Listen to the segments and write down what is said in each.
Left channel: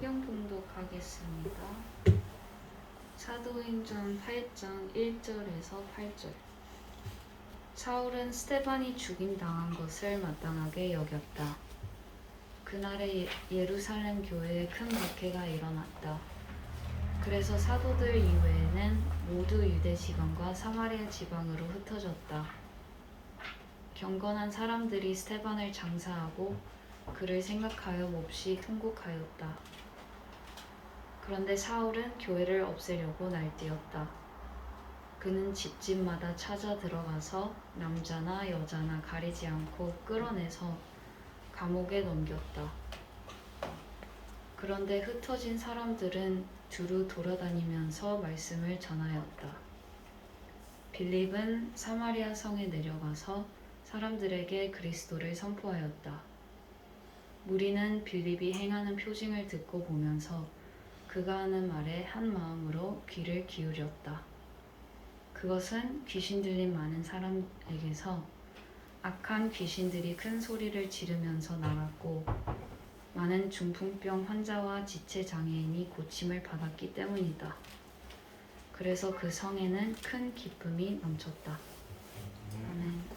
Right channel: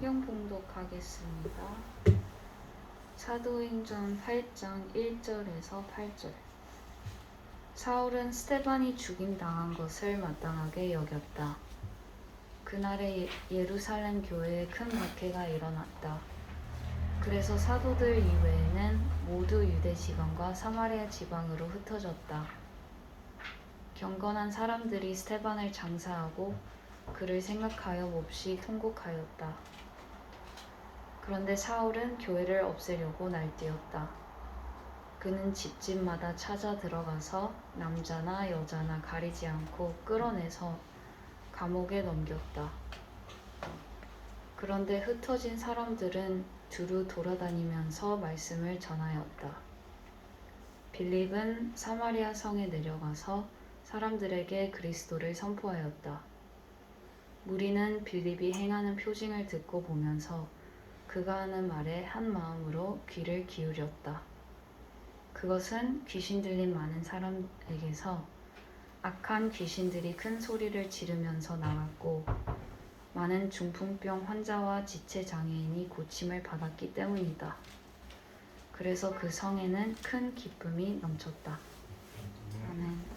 성경 봉독하겠습니다. 사도행전 8장 1절에서 8절. 사울은 스데반이 죽임당한 것을 마땅하게 여겼다. 그날에 예루살렘 교회에 큰 박해가 일어났다. 그래서 사도들 이외에는 모두 유대 지방과 사마리아 지방으로 흩어졌다. 경건한 사람들이 스데반을 장사하고 그를 생각하여 몹시 통곡하였다. 그런데 사울은 교회를 없애려고 날뛰었다. 그는 집집마다 찾아 들어가서 남자나 여자나 가리지 않고 끌어내서 감옥에 넘겼다. 그런데 흩어진 사람들은 두루 돌아다니면서 말씀을 전하였다. 빌립은 사마리아 성에 내려가서 사람들에게 그리스도를 선포하였다. 무리는 빌립이 행하는 표징을 듣고 보면서 그가 하는 말에 한 마음으로 귀를 기울였다. 그것은 귀신 들린 많은 사람에게서 악한 귀신들이 큰 소리를 지르면서 나갔고 많은 중풍병 환자와 지체 장애인이 고침을 받았기 때문이다. 그래서 그 성에는 큰 기쁨이 넘쳤다. 아멘.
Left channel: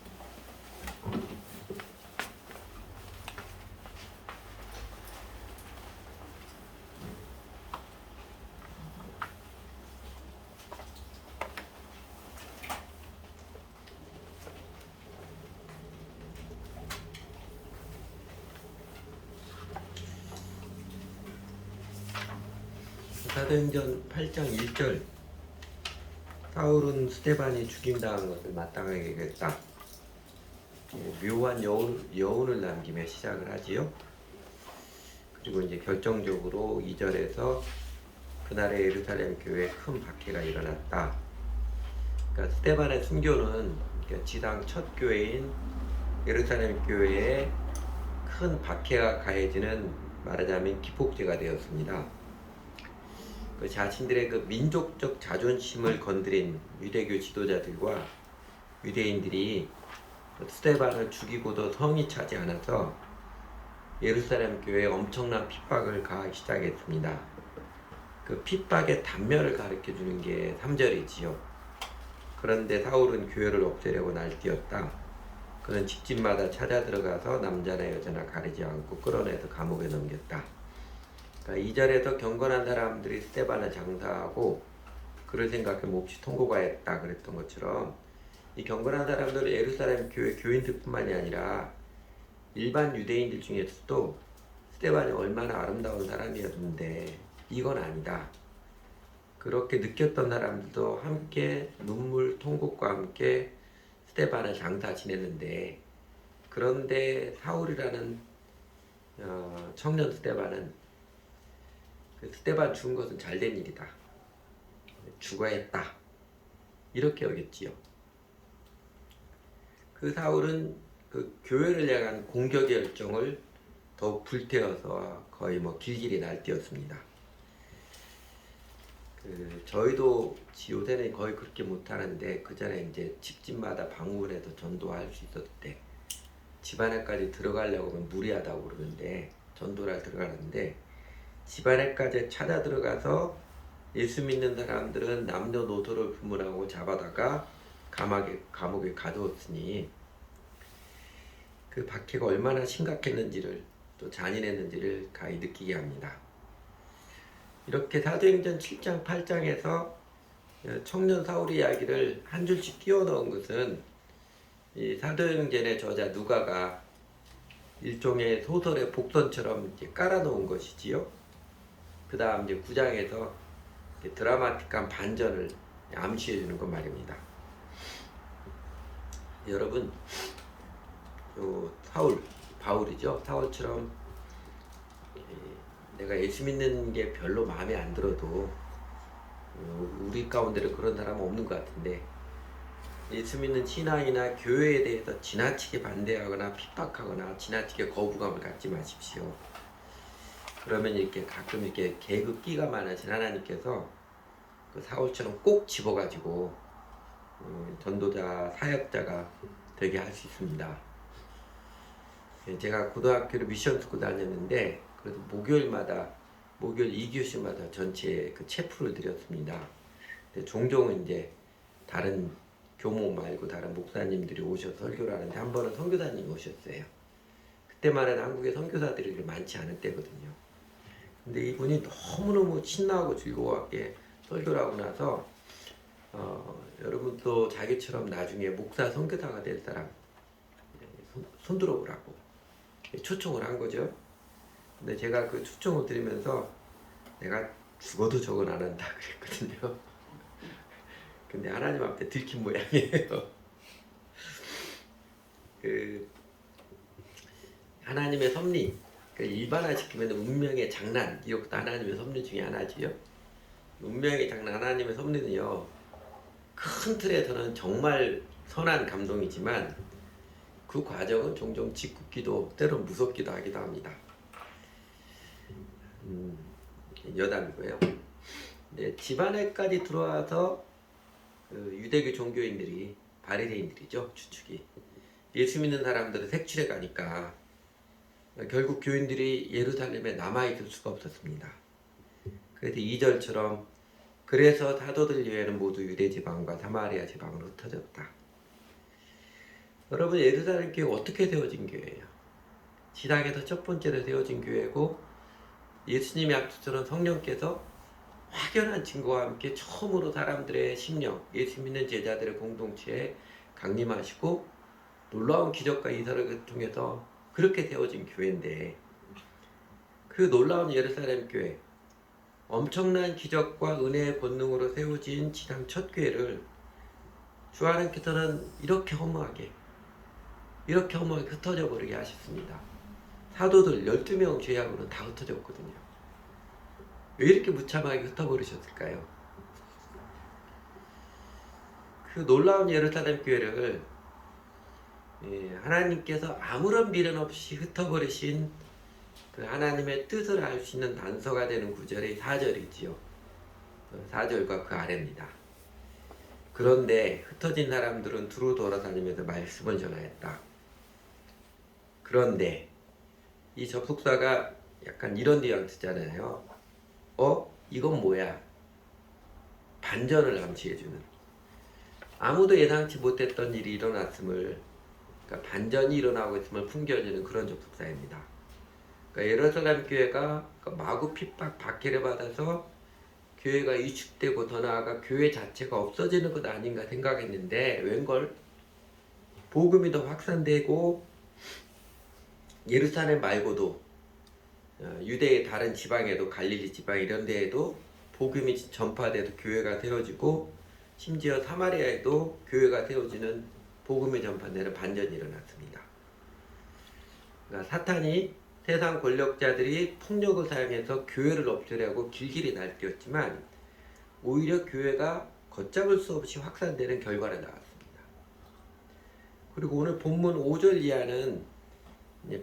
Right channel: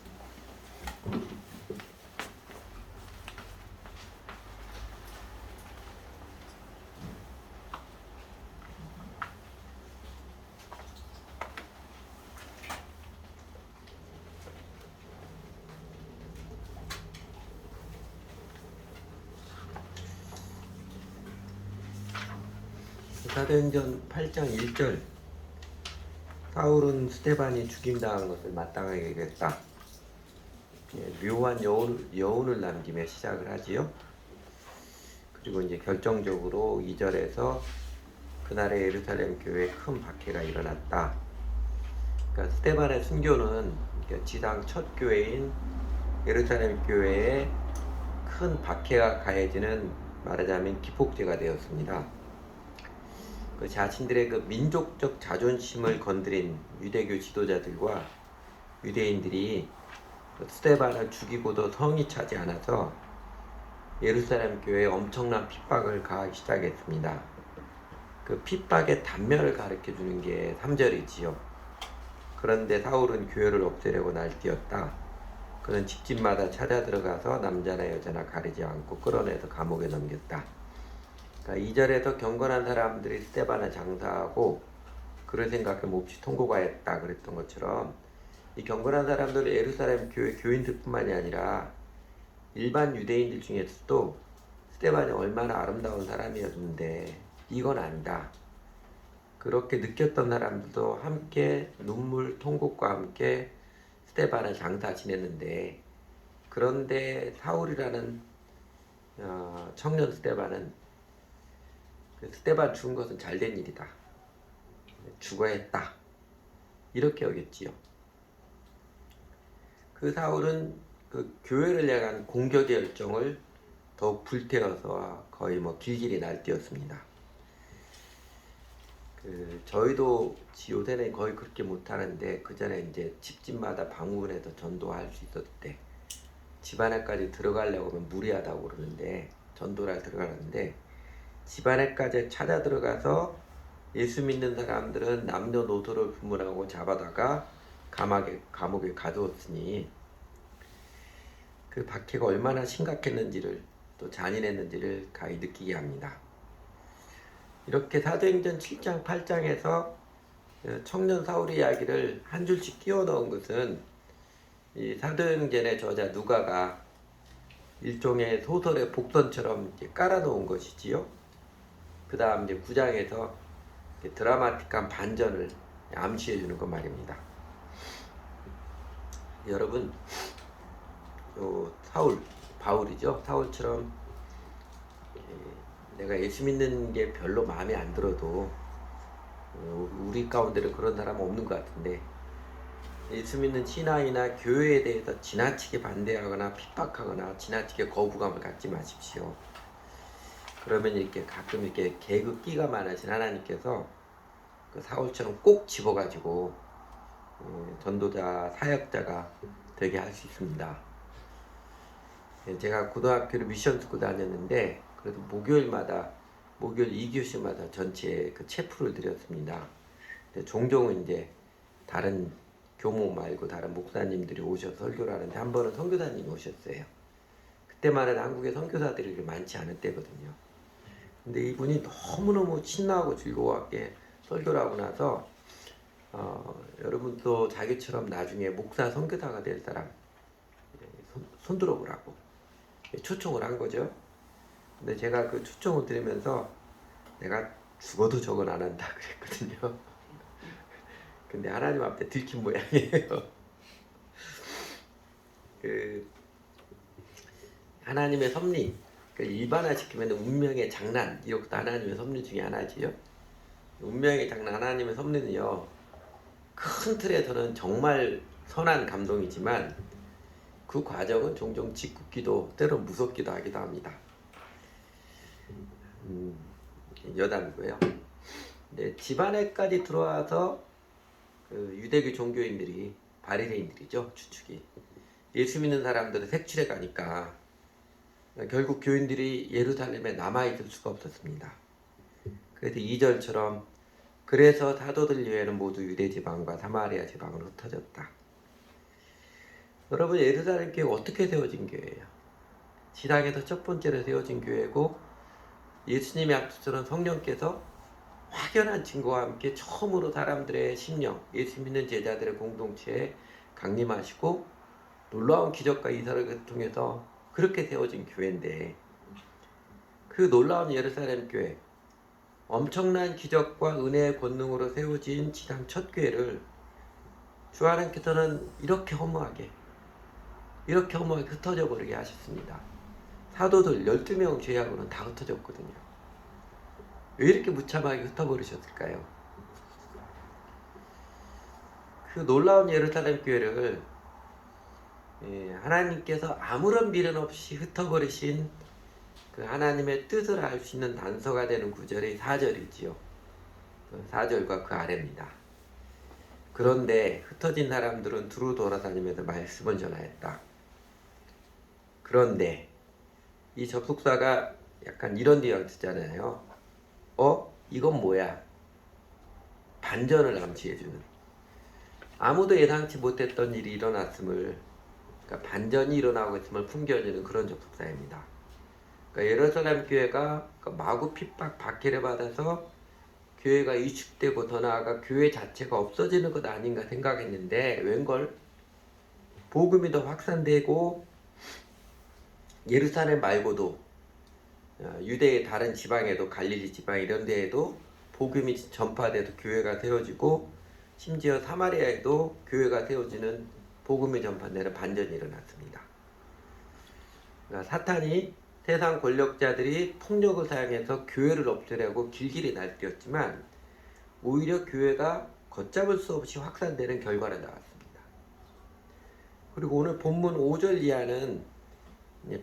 사도행전 8장 1절. 사울은 스데반이 죽임당한 것을 마땅하게 여겼다. 묘한 여운을 남기며 시작을 하지요. 그리고 이제 결정적으로 2절에서 그날의 예루살렘 교회에 큰 박해가 일어났다. 그러니까 스데반의 순교는 지상 첫 교회인 예루살렘 교회에 큰 박해가 가해지는, 말하자면 기폭제가 되었습니다. 그 자신들의 그 민족적 자존심을 건드린 유대교 지도자들과 유대인들이 스데반을 죽이고도 성이 차지 않아서 예루살렘 교회에 엄청난 핍박을 가하기 시작했습니다. 그 핍박의 단면을 가르쳐 주는 게 3절이지요. 그런데 사울은 교회를 없애려고 날뛰었다. 그는 집집마다 찾아 들어가서 남자나 여자나 가리지 않고 끌어내서 감옥에 넘겼다. 그러니까 2절에서 경건한 사람들이 스데반을 장사하고 그를 생각해 몹시 통곡하였다 그랬던 것처럼, 이 경건한 사람들은 예루살렘 교회 교인들뿐만이 아니라 일반 유대인들 중에서도 스데반이 얼마나 아름다운 사람이었는데 이건 아니다, 그렇게 느꼈던 사람들도 함께 눈물 통곡과 함께 스데반을 장사 지냈는데, 그런데 사울이라는 청년 스데반은 스데반 죽은 것은 잘된 일이다, 죽어야 했다, 이렇게 여겼지요. 그 사울은 그 교회를 향한 공격의 열정을 더욱 불태워서 거의 길길이 날뛰었습니다. 저희도 요새는 거의 그렇게 못하는데, 그전에 이제 집집마다 방문해서 전도할 수 있었을 때 집안에까지 들어가려고 하면 무리하다고 그러는데, 전도를 들어가는데 집안에까지 찾아 들어가서 예수 믿는 사람들은 남녀노소를 구분하고 잡아다가 감옥에 가두었으니 그 박해가 얼마나 심각했는지를, 또 잔인했는지를 가히 느끼게 합니다. 이렇게 사도행전 7장 8장에서 청년 사울의 이야기를 한 줄씩 띄워 넣은 것은 이 사도행전의 저자 누가가 일종의 소설의 복선처럼 이렇게 깔아 놓은 것이지요. 그 다음 이제 9장에서 드라마틱한 반전을 암시해 주는 것 말입니다. 여러분, 바울이죠. 사울처럼 내가 예수 믿는 게 별로 마음에 안 들어도, 우리 가운데는 그런 사람은 없는 것 같은데, 예수 믿는 신앙이나 교회에 대해서 지나치게 반대하거나 핍박하거나 지나치게 거부감을 갖지 마십시오. 그러면 이렇게 가끔 이렇게 개그끼가 많으신 하나님께서 그 사울처럼 꼭 집어가지고 전도자, 사역자가 되게 할 수 있습니다. 제가 고등학교를 미션 스쿨 다녔는데, 그래도 목요일마다 목요일 2교시마다 전체 그 체프를 드렸습니다. 근데 종종 이제 다른 교목 말고 다른 목사님들이 오셔서 설교를 하는데 한 번은 선교사님이 오셨어요. 그때만은 한국에 선교사들이 많지 않을 때거든요. 근데 이분이 너무너무 신나고 즐거워하게 설교를 하고 나서 여러분도 자기처럼 나중에 목사 선교사가 될 사람 손 들어보라고 초청을 한 거죠. 근데 제가 그 초청을 드리면서 내가 죽어도 저건 안 한다 그랬거든요. 근데 하나님 앞에 들킨 모양이에요. 그 하나님의 섭리, 그 일반화시키면 운명의 장난, 이것도 하나님의 섭리 중에 하나지요. 운명의 장난, 하나님의 섭리는요, 큰 틀에서는 정말 선한 감동이지만 그 과정은 종종 짓궂기도 때론 무섭기도 하기도 합니다. 여담이고요. 네, 집안에까지 들어와서 유대교 종교인들이 바리새인들이죠, 추측이 예수 믿는 사람들을 색출해 가니까 결국 교인들이 예루살렘에 남아있을 수가 없었습니다. 그래서 2절처럼 그래서 사도들 외에는 모두 유대 지방과 사마리아 지방으로 흩어졌다. 여러분, 예루살렘 교회가 어떻게 세워진 교회예요? 지상에서 첫 번째로 세워진 교회고 예수님의 앞서서는 성령께서 확연한 증거와 함께 처음으로 사람들의 심령, 예수 믿는 제자들의 공동체에 강림하시고 놀라운 기적과 이사를 통해서 그렇게 세워진 교회인데, 그 놀라운 예루살렘 교회, 엄청난 기적과 은혜의 권능으로 세워진 지상 첫 교회를 주 하나님께서는 이렇게 허무하게 흩어져 버리게 하셨습니다. 사도들 12명 제외하고는 다 흩어졌거든요. 왜 이렇게 무참하게 흩어버리셨을까요? 그 놀라운 예루살렘 교회를 하나님께서 아무런 미련 없이 흩어버리신 그 하나님의 뜻을 알 수 있는 단서가 되는 구절이 4절이지요. 4절과 그 아래입니다. 그런데 흩어진 사람들은 두루 돌아다니면서 말씀을 전하였다. 그런데 이 접속사가 약간 이런 뉘앙스잖아요. 이건 뭐야? 반전을 암시해주는, 아무도 예상치 못했던 일이 일어났음을, 그러니까 반전이 일어나고 있음을 풍겨주는 그런 접속사입니다. 그러니까 예루살렘 교회가 마구 핍박 박해를 받아서 교회가 위축되고 더 나아가 교회 자체가 없어지는 것 아닌가 생각했는데 웬걸 복음이 더 확산되고 예루살렘 말고도 유대의 다른 지방에도, 갈릴리 지방 이런 데에도 복음이 전파돼서 교회가 세워지고 심지어 사마리아에도 교회가 세워지는 복음이 전파되는 반전이 일어났습니다. 그러니까 사탄이 세상 권력자들이 폭력을 사용해서 교회를 없애려고 길길이 날뛰었지만 오히려 교회가 걷잡을 수 없이 확산되는 결과를 나왔습니다. 그리고 오늘 본문 5절 이하는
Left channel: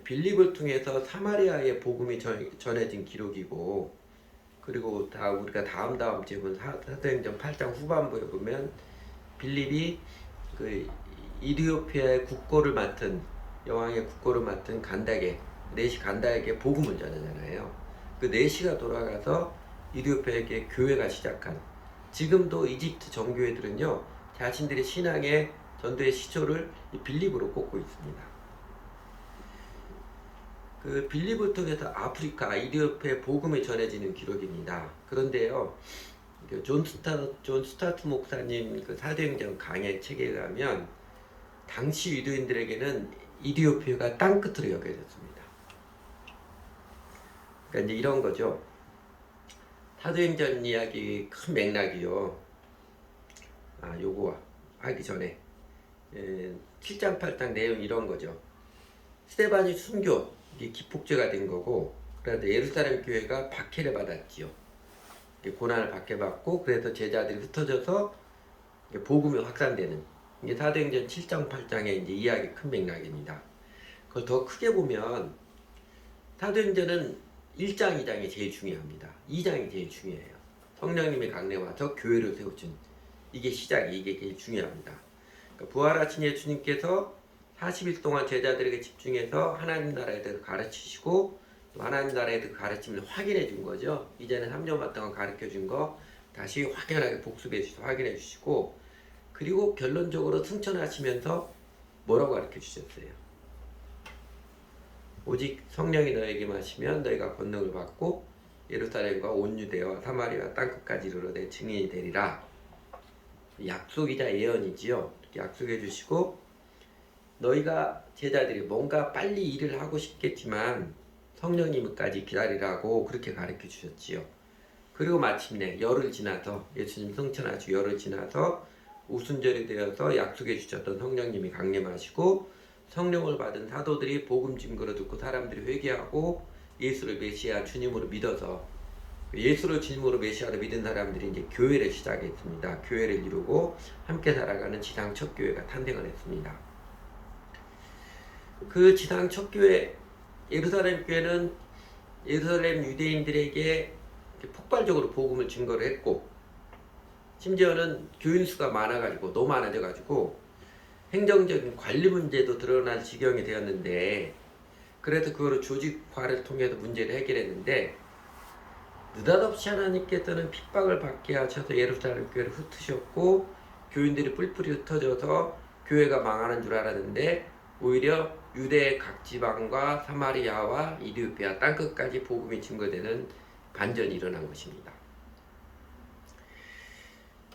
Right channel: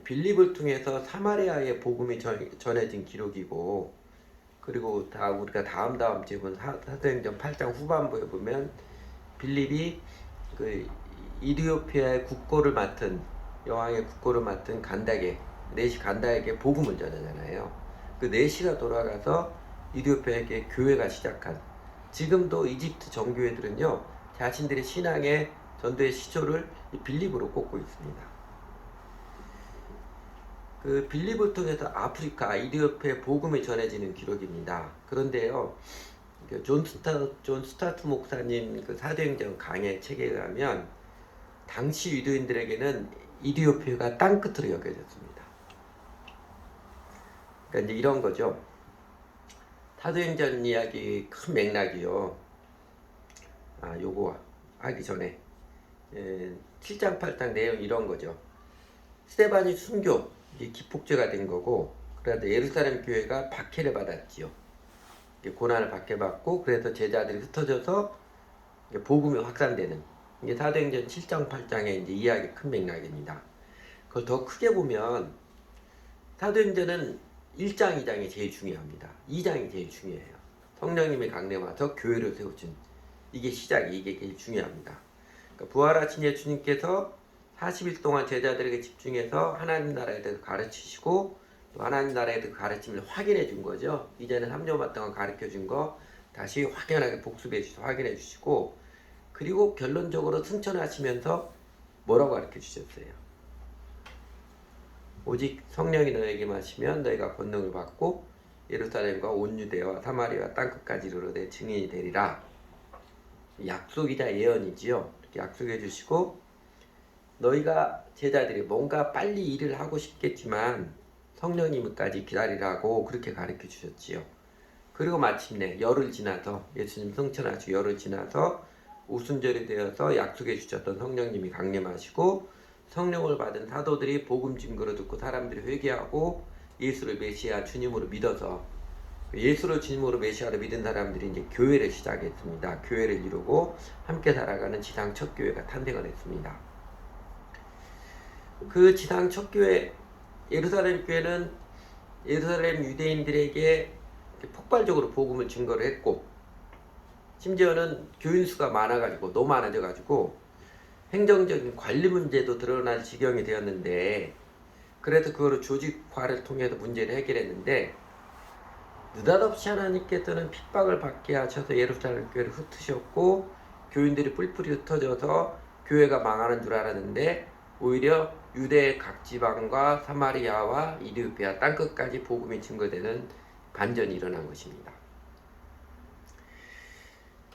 빌립을 통해서 사마리아의 복음이 전해진 기록이고, 그리고 우리가 다음 주에 본 사도행전 8장 후반부에 보면 빌립이 그 이디오피아의 국고를 맡은, 여왕의 국고를 맡은 네시 간다에게 복음을 전하잖아요. 그 네시가 돌아가서 이디오피아에게 교회가 시작한, 지금도 이집트 정교회들은요 자신들의 신앙의 전도의 시초를 이 빌립으로 꼽고 있습니다. 그 빌립을 통해서 아프리카, 이디오피아의 복음이 전해지는 기록입니다. 그런데요, 존 스타트 목사님 그 사도행전 강해 책에 가면 당시 유대인들에게는 이디오피아가 땅끝으로 여겨졌습니다. 그러니까 이제 이런 거죠. 사도행전 이야기 큰 맥락이요. 요거 하기 전에 7장 8장 내용 이런 거죠. 스데반이 순교, 이게 기폭제가 된 거고, 그래서 예루살렘 교회가 박해를 받았지요. 고난을 박해받고, 그래서 제자들이 흩어져서 복음이 확산되는, 이게 사도행전 7장 8장의 이제 이야기 큰 맥락입니다. 그걸 더 크게 보면 사도행전은 1장, 2장이 제일 중요합니다. 2장이 제일 중요해요. 성령님이 강림하셔서 교회를 세우신, 이게 제일 중요합니다. 그러니까 부활하신 예수님께서 40일 동안 제자들에게 집중해서 하나님 나라에 대해서 가르치시고 또 하나님 나라의 그 가르침을 확인해 준 거죠. 이제는 3년 동안 가르쳐 준 거 다시 확연하게 복습해 주셔서 확인해 주시고, 그리고 결론적으로 승천하시면서 뭐라고 가르쳐 주셨어요? 오직 성령이 너에게 마시면 너희가 권능을 받고 예루살렘과 온 유대와 사마리아 땅끝까지 이르러 내 증인이 되리라. 약속이자 예언이지요. 이렇게 약속해 주시고, 너희가 제자들이 뭔가 빨리 일을 하고 싶겠지만 성령님까지 기다리라고 그렇게 가르쳐 주셨지요. 그리고 마침내 열흘 지나서, 예수님 승천하시고 열흘 지나서 오순절이 되어서 약속해 주셨던 성령님이 강림하시고, 성령을 받은 사도들이 복음 증거를 듣고 사람들이 회개하고 예수를 메시아 주님으로 믿어서, 예수를 주님으로 메시아로 믿은 사람들이 이제 교회를 시작했습니다. 교회를 이루고 함께 살아가는 지상 첫 교회가 탄생을 했습니다. 그 지상 첫 교회 예루살렘 교회는 예루살렘 유대인들에게 폭발적으로 복음을 증거를 했고, 심지어는 교인 수가 많아가지고 너무 많아져가지고 행정적인 관리 문제도 드러날 지경이 되었는데, 그래서 그거를 조직화를 통해서 문제를 해결했는데, 느닷없이 하나님께서는 핍박을 받게 하셔서 예루살렘 교회를 흩으셨고 교인들이 뿔뿔이 흩어져서 교회가 망하는 줄 알았는데, 오히려 유대의 각 지방과 사마리아와 이디오피아 땅끝까지 복음이 증거되는 반전이 일어난 것입니다.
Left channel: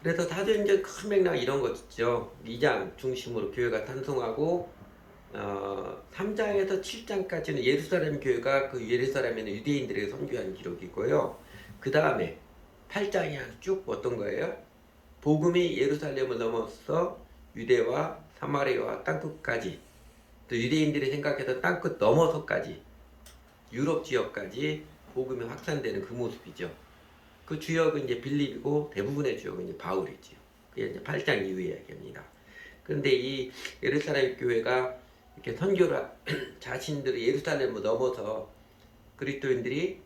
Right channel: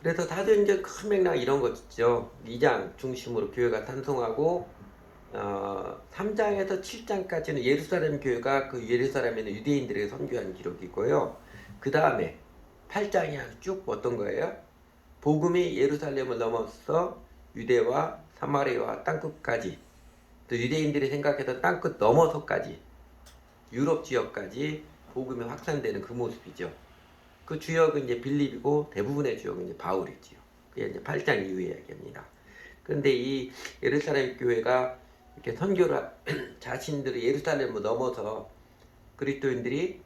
그래서 사도행전 큰 맥락 이런 것 있죠. 2장 중심으로 교회가 탄생하고 3장에서 7장까지는 예루살렘 교회가 그 예루살렘에 있는 유대인들에게 선교한 기록이고요. 그 다음에 8장이 쭉 어떤 거예요? 복음이 예루살렘을 넘어서 유대와 사마리아와 땅끝까지, 또 유대인들이 생각했던 땅끝 넘어서까지 유럽 지역까지 복음이 확산되는 그 모습이죠. 그 주역은 이제 빌립이고 대부분의 주역은 이제 바울이지요. 그게 이제 8장 이후의 이야기입니다. 그런데 이 예루살렘 교회가 이렇게 선교를 자신들이 예루살렘을 넘어서 그리스도인들이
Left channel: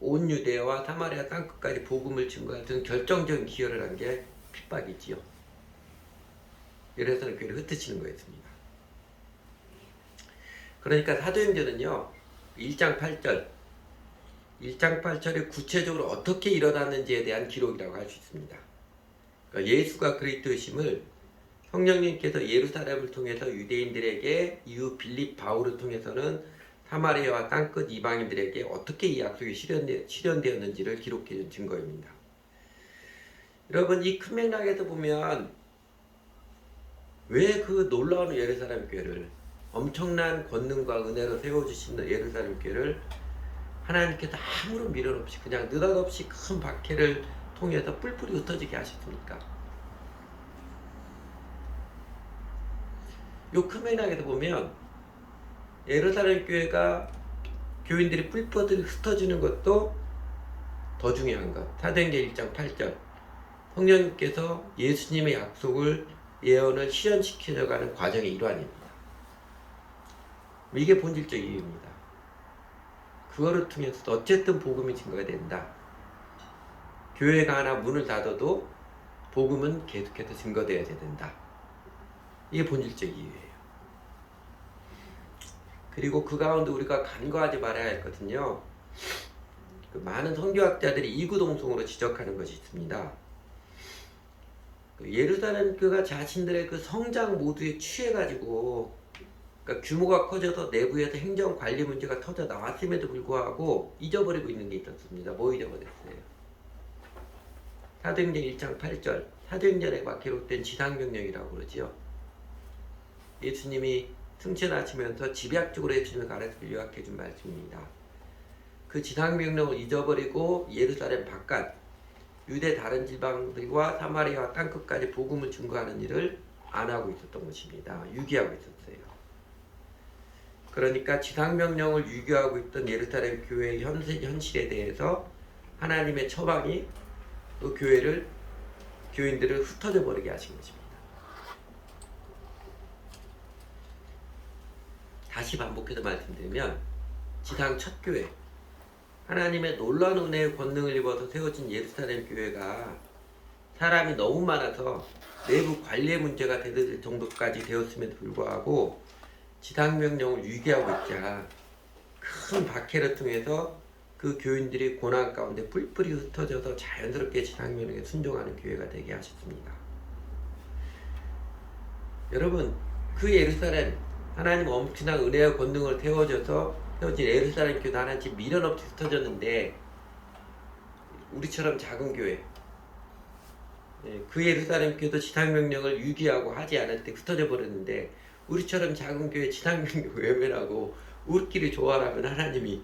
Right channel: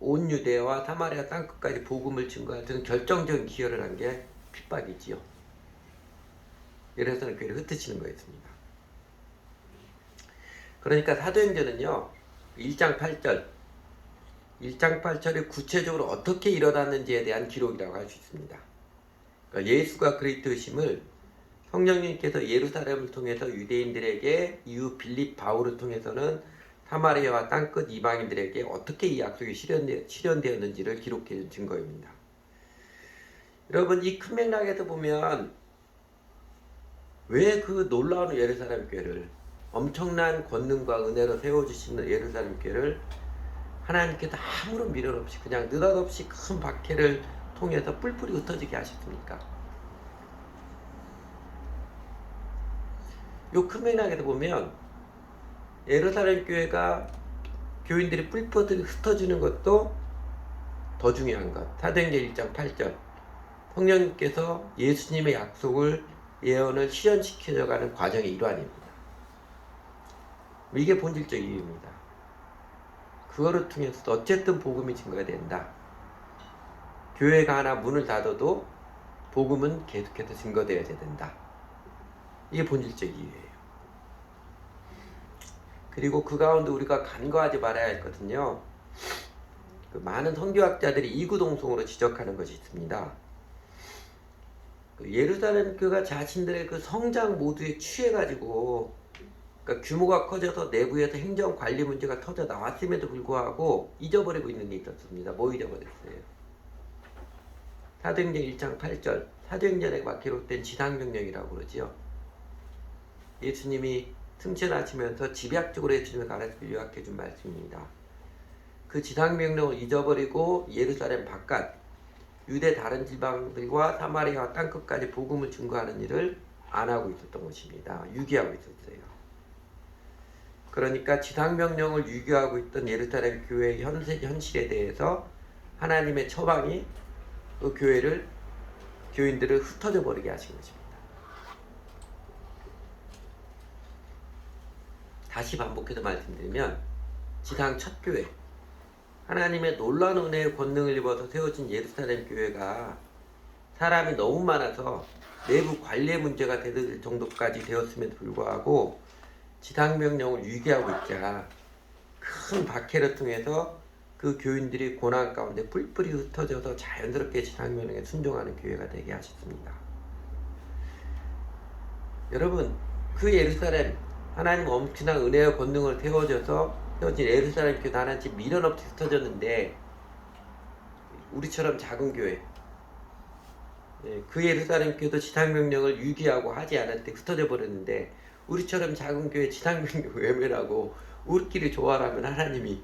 온 유대와 사마리아 땅끝까지 복음을 증거하는 결정적인 기여를 한 게 핍박이지요. 예루살렘 교회를 흩으시는 거였습니다. 그러니까 사도행전은요 1장 8절이 구체적으로 어떻게 일어났는지에 대한 기록이라고 할 수 있습니다. 그러니까 예수가 그리스도심을 성령님께서 예루살렘을 통해서 유대인들에게, 이후 빌립 바울을 통해서는 사마리아와 땅끝 이방인들에게 어떻게 이 약속이 실현되었는지를 기록해준 증거입니다. 여러분, 이 큰 맥락에서 보면 왜 그 놀라운 예루살렘 교회를, 엄청난 권능과 은혜로 세워주시는 예루살렘 교회를 하나님께서 아무런 미련 없이 그냥 느닷없이 큰 박해를 통해서 뿔뿔이 흩어지게 하셨습니까? 요 큰 맥락에서 보면 예루살렘 교회가 교인들이 뿔뿔이 흩어지는 것도 더 중요한 것. 사도행전 1장 8절 성령님께서 예수님의 약속을, 예언을 실현시켜가는 과정의 일환입니다. 이게 본질적 이유입니다. 그거를 통해서 어쨌든 복음이 증거가 된다. 교회가 하나 문을 닫아도 복음은 계속해서 증거되어야 된다. 이게 본질적 이유예요. 그리고 그 가운데 우리가 간과하지 말아야 했거든요. 그 많은 선교학자들이 이구동성으로 지적하는 것이 있습니다. 예루살렘 교회가 자신들의 그 성장 모두에 취해가지고, 그러니까 규모가 커져서 내부에서 행정 관리 문제가 터져 나왔음에도 불구하고 잊어버리고 있는 게 있었습니다. 뭐 잊어버렸어요? 사도행전 1장 8절, 사도행전에 막 기록된 지상명령이라고 그러지요. 예수님이 승천하시면서 집약적으로 예수님의 가르침을 요약해준 말씀입니다. 그 지상명령을 잊어버리고 예루살렘 바깥 유대 다른 지방들과 사마리아와 땅끝까지 복음을 증거하는 일을 안 하고 있었던 것입니다. 유기하고 있었어요. 그러니까 지상명령을 유기하고 있던 예루살렘 교회의 현실에 대해서 하나님의 처방이 그 교인들을 흩어져 버리게 하신 것입니다. 다시 반복해서 말씀드리면 지상 첫 교회, 하나님의 놀라운 은혜의 권능을 입어서 세워진 예루살렘 교회가 사람이 너무 많아서 내부 관리의 문제가 대들 정도까지 되었음에도 불구하고 지상명령을 유기하고 있자 큰 박해를 통해서 그 교인들이 고난 가운데 뿔뿔이 흩어져서 자연스럽게 지상명령에 순종하는 교회가 되게 하셨습니다. 여러분, 그 예루살렘 하나님 엄청난 은혜와 권능을 세워져서 세워진 예루살렘 교회 하나님 미련 없이 흩어졌는데 우리처럼 작은 교회, 그 예루살렘 교회도 지상명령을 유기하고 하지 않을 때 흩어져 버렸는데 우리처럼 작은 교회 지상명령 외면하고 우리끼리 조화하면 하나님이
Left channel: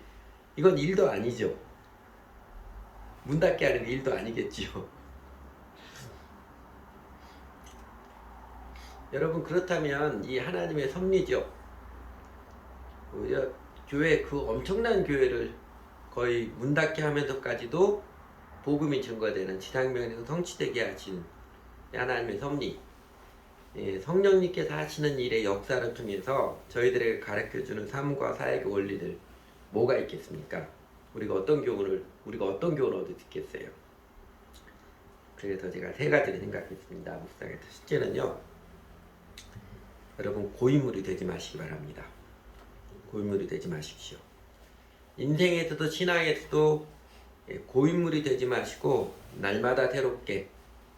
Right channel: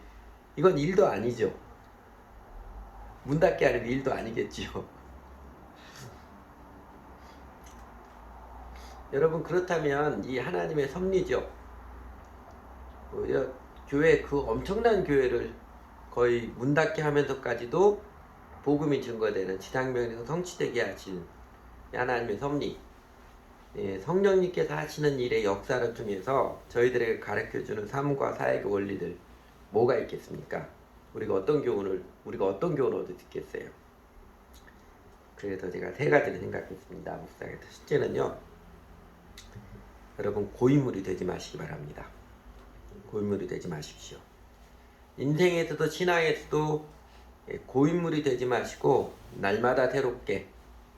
이건 일도 아니죠. 문 닫게 하는 게 일도 아니겠지요. 여러분, 그렇다면 이 하나님의 섭리죠. 교회, 그 엄청난 교회를 거의 문 닫게 하면서까지도 복음이 증거되는 지상명령 성취되게 하신 하나님의 섭리, 성령님께서 하시는 일의 역사를 통해서 저희들에게 가르쳐주는 삶과 사역의 원리들 뭐가 있겠습니까? 우리가 어떤 교훈을 얻을 수 있겠어요? 그래서 제가 세 가지를 생각했습니다. 묵상에서 첫째는요, 여러분 고인물이 되지 마시기 바랍니다. 고인물이 되지 마십시오. 인생에서도 신앙에서도 고인물이 되지 마시고 날마다 새롭게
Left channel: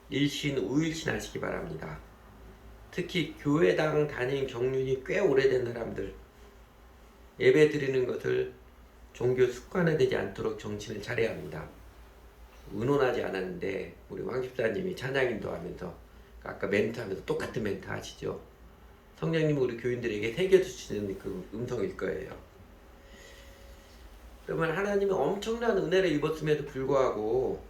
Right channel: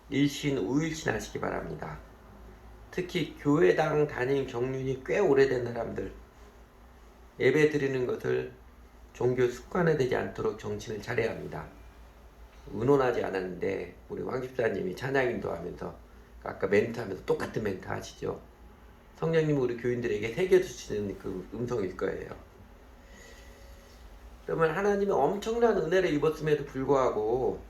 일신 우일신 하시기 바랍니다. 특히 교회당 다닌 경륜이 꽤 오래된 사람들, 예배 드리는 것을 종교 습관화 되지 않도록 정신을 차려야 합니다. 의논하지 않았는데 우리 왕 집사님이 찬양 인도하면서 아까 멘트하면서 똑같은 멘트 하시죠. 성령님 우리 교인들에게 새겨주시는 그 음성일 거예요. 그러면 하나님은 엄청난 은혜를 입었음에도 불구하고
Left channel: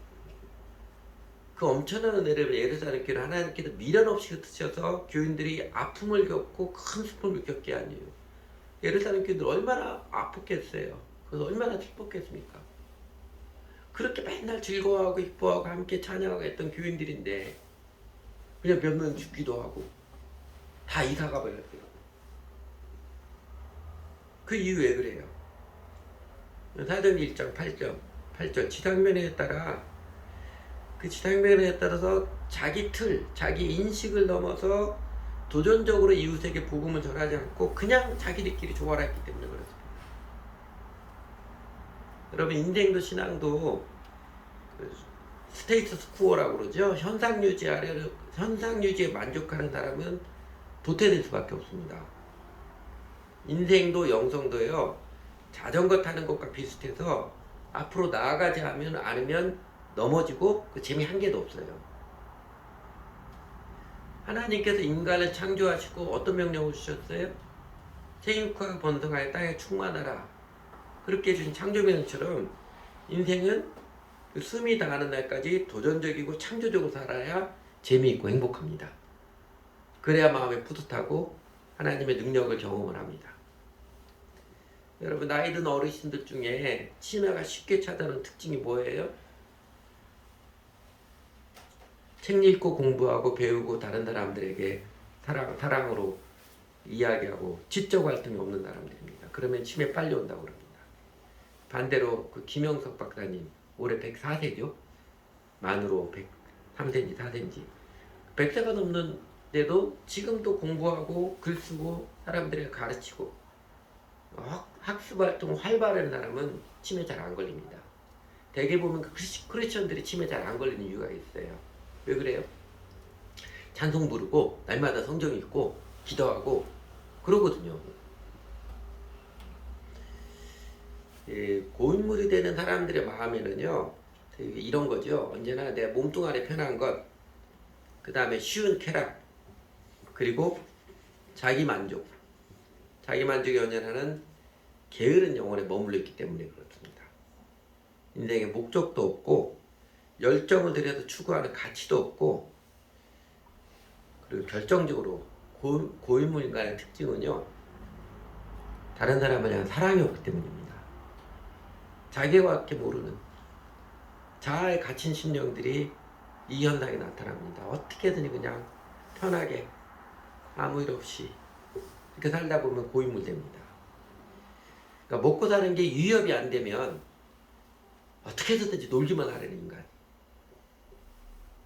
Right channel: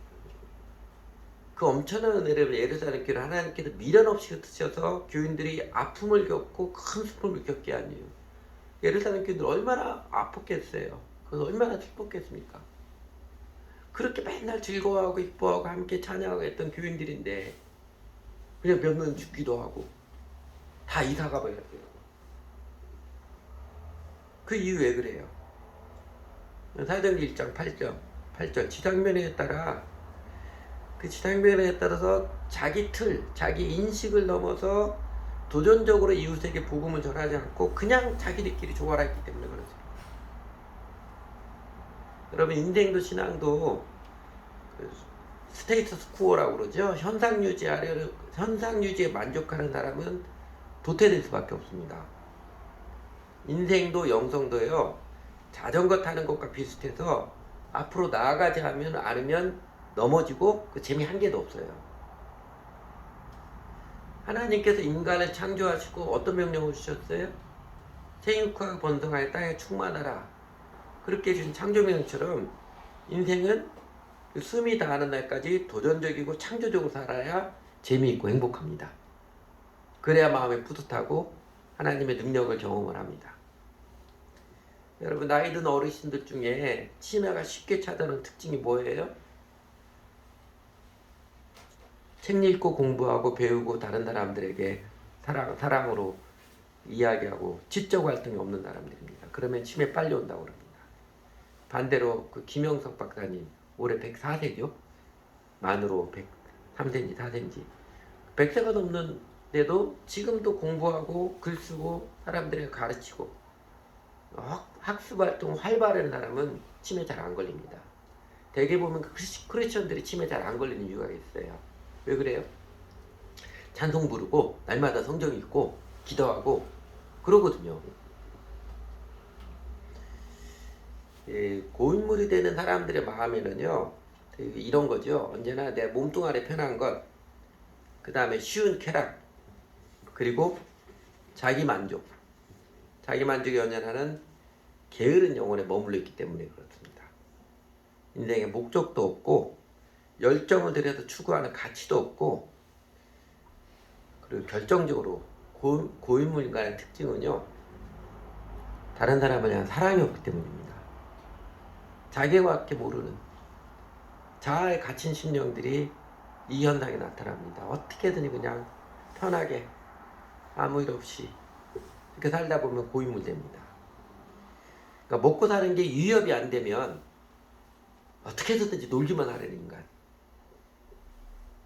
그 엄청난 은혜를 예루살렘 교회를 하나님께서 미련 없이 흩으셔서 교인들이 아픔을 겪고 큰 슬픔을 겪게 하니 예루살렘 교인들 얼마나 아팠겠어요. 그래서 얼마나 슬펐겠습니까? 그렇게 맨날 즐거워하고 기뻐하고 함께 찬양하고 했던 교인들인데 그냥 몇 명 죽기도 하고 다 이사가 버렸어요. 그 이유 왜 그래요? 사도행전 1장 8절 지상명령에 따라 그 지상명령에 따라서 자기 틀, 자기 인식을 넘어서 도전적으로 이웃에게 복음을 전하지 않고 그냥 자기들끼리 조화했기 때문에 그렇습니다. 여러분 인생도 신앙도 스테이터스 쿠어라고 그러죠. 현상 유지에 만족하는 사람은 도태될 수밖에 없습니다. 인생도 영성도요. 자전거 타는 것과 비슷해서 앞으로 나아가지 않으면 넘어지고 그 재미 한 개도 없어요. 하나님께서 인간을 창조하시고 어떤 명령을 주셨어요? 생육하고 번성하여 땅에 충만하라. 그렇게 해주신 창조명령처럼 인생은 그 숨이 다하는 날까지 도전적이고 창조적으로 살아야 재미있고 행복합니다. 그래야 마음이 뿌듯하고 하나님의 능력을 경험을 합니다. 여러분 나이 든 어르신들 중에 치매가 쉽게 찾아오는 특징이 뭐예요? 책 읽고 공부하고 배우고 다른 사람들에게 사랑으로 이야기하고 지적 활동이 없는 사람들입니다. 그러면 치매 빨리 온다고 그럽니다. 반대로 그 김영석 박사님 올해 104세죠? 만으로 103세인지 4세인지 100세가 넘는데도 지금도 공부하고 글 쓰고 사람들에게 가르치고 학습 활동 활발한 사람은 치매 잘 안 걸립니다. 대개 보면 크리스천들이 치매 잘 안 걸리는 이유가 있어요. 왜 그래요? 찬송 부르고 날마다 성경 읽고 기도하고 그러거든요. 고인물이 되는 사람들의 마음에는요 이런 거죠. 언제나 내 몸뚱아리 편한 것, 그 다음에 쉬운 쾌락, 그리고 자기 만족이 연연하는 게으른 영혼에 머물러 있기 때문에 그렇습니다. 인생에 목적도 없고 열정을 들여서 추구하는 가치도 없고, 그리고 결정적으로 고인물 인간의 특징은요 다른 사람에 대한 사랑이 없기 때문입니다. 자기밖에 모르는 자아에 갇힌 심령들이 이 현상이 나타납니다. 어떻게든 그냥 편하게 아무 일 없이 이렇게 살다 보면 고인물 됩니다. 그러니까 먹고 사는 게 위협이 안 되면 어떻게 해서든지 놀기만 하려는 인간.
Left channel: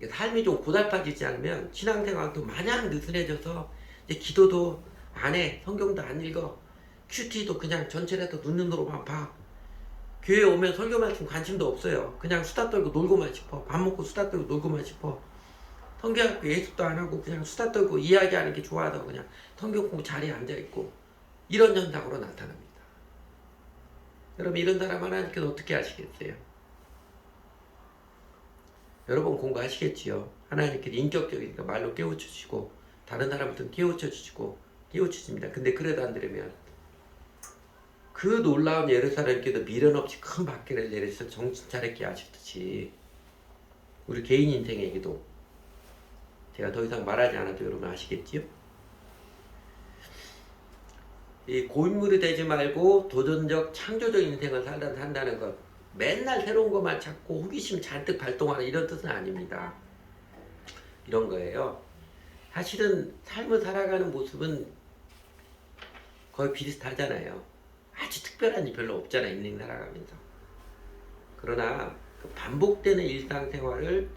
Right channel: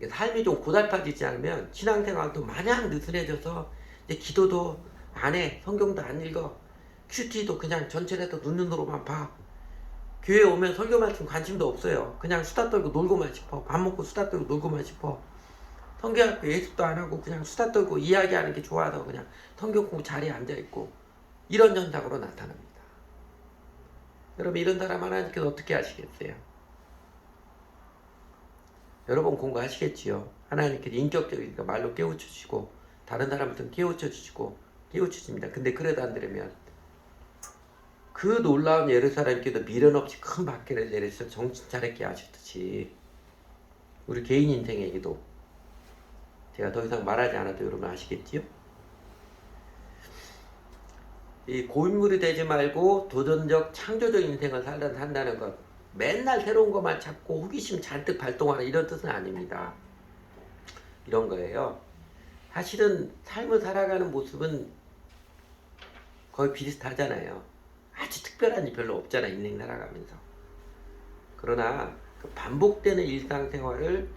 삶이 좀 고달파지지 않으면 신앙생활도 마냥 느슨해져서 이제 기도도 안 해, 성경도 안 읽어, 큐티도 그냥 전체에다 눈으로만 봐. 교회 오면 설교 말씀 관심도 없어요. 그냥 수다 떨고 놀고만 싶어. 밥 먹고 수다 떨고 놀고만 싶어. 성경학교 예습도 안 하고 그냥 수다 떨고 이야기하는 게 좋아서 그냥 성경 공부 자리에 앉아있고 이런 현상으로 나타납니다. 여러분 이런 사람 하나님께서 어떻게 하시겠어요? 여러분 공부하시겠지요. 하나님께서 인격적이니까 말로 깨우쳐주시고 다른 사람들은 깨우쳐주시고 깨우치십니다. 근데 그래도 안 되려면 그 놀라운 예루살렘께도 미련 없이 큰 박해를 내려서 정신 차렸게 하시듯이 우리 개인 인생에게도 제가 더 이상 말하지 않아도 여러분 아시겠지요? 이 고인물이 되지 말고 도전적 창조적 인생을 산다는 것, 맨날 새로운 것만 찾고 호기심 잔뜩 발동하는 이런 뜻은 아닙니다. 이런 거예요. 사실은 삶을 살아가는 모습은 거의 비슷하잖아요. 아주 특별한 일 별로 없잖아요. 인생 살아가면서. 그러나 그 반복되는 일상생활을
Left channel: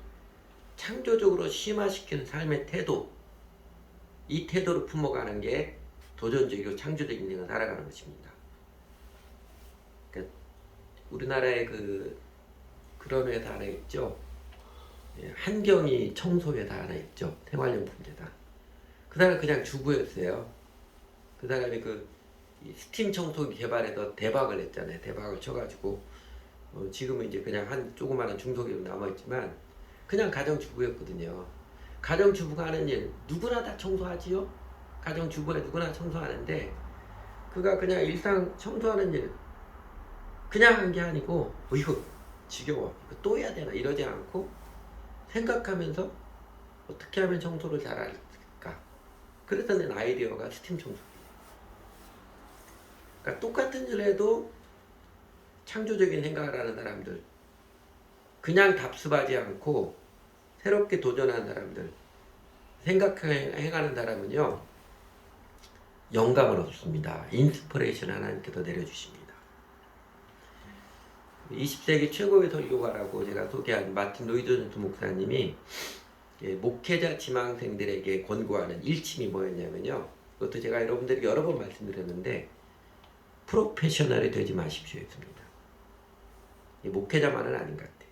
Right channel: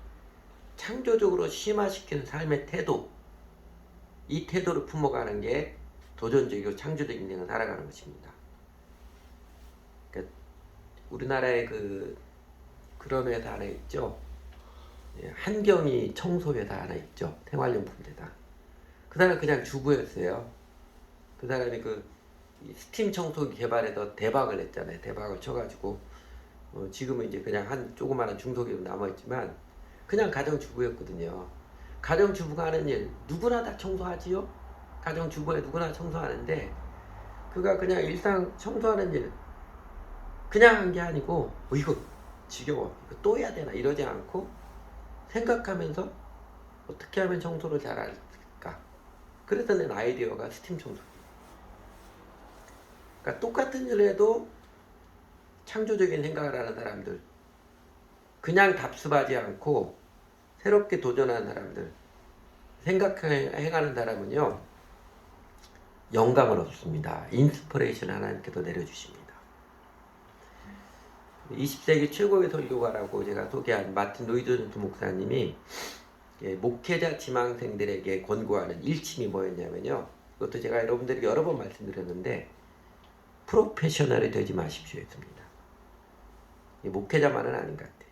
창조적으로 심화시키는 삶의 태도, 이 태도를 품어가는 게 도전적이고 창조적인 인생을 살아가는 것입니다. 그러니까 우리나라에 그런 회사 하나 있죠. 한경이 청소회사 하나 있죠. 생활용품 회사. 그 사람 그냥 주부였어요. 그 사람이 이 스팀 청소기 개발해서 대박을 했잖아요. 대박을 쳐가지고 지금은 이제 그냥 한 조그마한 중소기업 남아있지만 그냥 가정주부였거든요. 가정주부가 하는 일 누구나 다 청소하지요. 가정주부에 누구나 청소하는데 그가 그냥 일상 청소하는 일 그냥 한 게 아니고 이거 지겨워 이거 또 해야 되나 이러지 않고 생각하면서 어떻게 하면 청소를 잘할까. 그래서 낸 아이디어가 스팀 청소기. 그러니까 똑같은 일을 해도 창조적인 생각을 하는 사람들, 그냥 답습하지 않고 새롭게 도전하는 사람들, 행하는 사람은요 영감을 얻습니다. 인스피레이션 하나님께서 내려주십니다. 20세기 최고의 설교가라고 제가 소개한 마틴 로이드 존스 목사님이 목회자 지망생들에게 권고하는 일침이 뭐였냐면요, 그것도 제가 여러분들에게 여러 번 말씀드렸는데 프로페셔널이 되지 마십시오 했습니다. 목회자만은 아닌 것 같아요.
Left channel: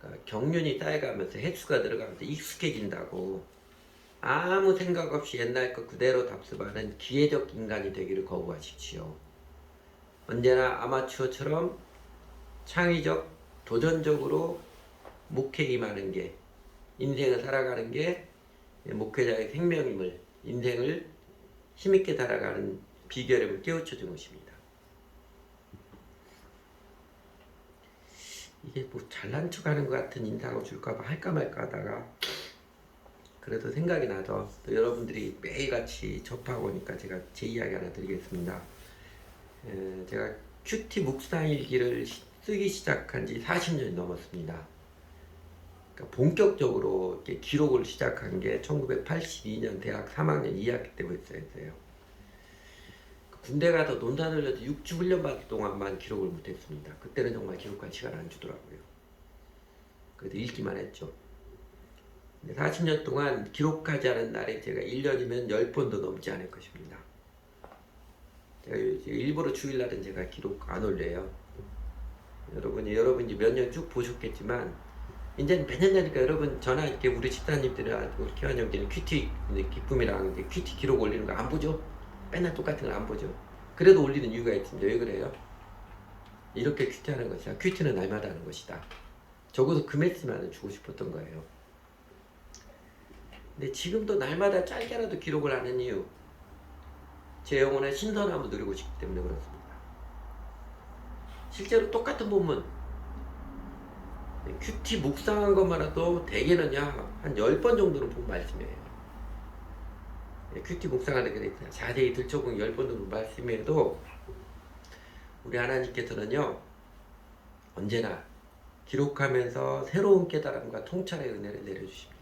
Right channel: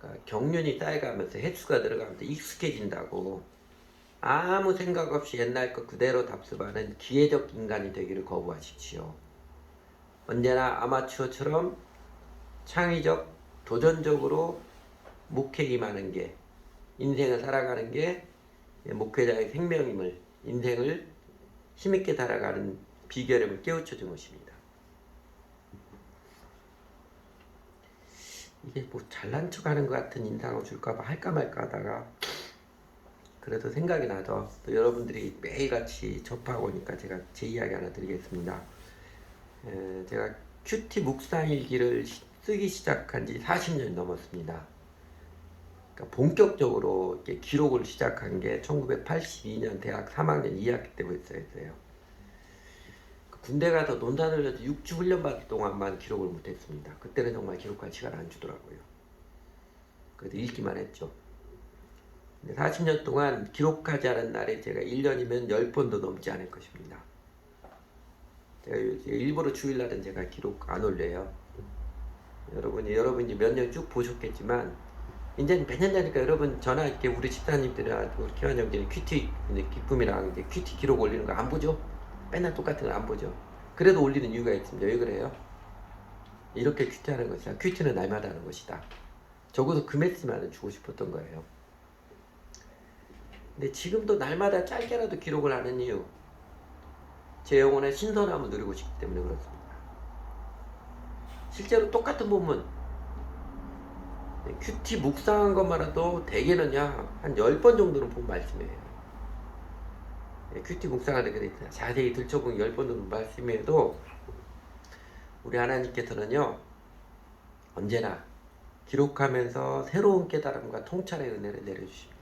그러니까 경륜이 쌓여가면서 횟수가 들어가면서 익숙해진다고 아무 생각 없이 옛날 것 그대로 답습하는 기회적 인간이 되기를 거부하십시오. 언제나 아마추어처럼 창의적, 도전적으로 목회 임하는 게, 인생을 살아가는 게 목회자의 생명임을, 인생을 힘있게 살아가는 비결을 깨우쳐 준 것입니다. 이게 뭐 잘난 척 하는 것 같은 인상을 줄까봐 할까 말까 하다가 그래도 생각이 나죠. 또 여러분들이 매일같이 접하고 오니까 제가 제 이야기 하나 드리겠습니다. 제가 큐티 묵상일기를 쓰기 시작한 지 40년 넘었습니다. 그러니까 본격적으로 이렇게 기록을 시작한 게 1982년 대학 3학년 2학기 때부터였어요. 군대 가서 논산 훈련에서 6주 훈련 받을 동안만 기록을 못했습니다. 그때는 정말 기록할 시간 안 주더라고요. 그래서 읽기만 했죠. 40년 동안 기록하지 않은 날에 제가 1년이면 10번도 넘지 않을 것입니다. 제가 일부러 주일날은 제가 기록 안 올려요. 여러분 이제 몇 년 쭉 보셨겠지만 이제는 몇년 되니까 여러분 전화 이렇게 우리 집사님들이랑 교환 형제는 큐티 기쁨이랑 큐티 기록 올리는 거 안 보죠? 맨날 똑같은 거 안 보죠? 그래도 올리는 이유가 있습니다. 왜 그래요? 이렇게 큐티하는 것이다. 큐티는 날마다 하는 것이다. 적어도 그 메시지만은 주고 싶었던 거예요. 근데 지금도 날마다 짧게라도 기록을 하는 이유, 제 영혼의 신선함을 누리고 싶기 때문에 그렇습니다. 실제로 똑같은 본문 큐티 묵상한 것만 해도 대개는 한 10번 정도는 본 말씀이에요. 큐티 묵상하는 게 자세히 들춰보면 10번 정도 말씀해도 우리 하나님께서는요 언제나 기록하면서 새로운 깨달음과 통찰의 은혜를 내려주십니다.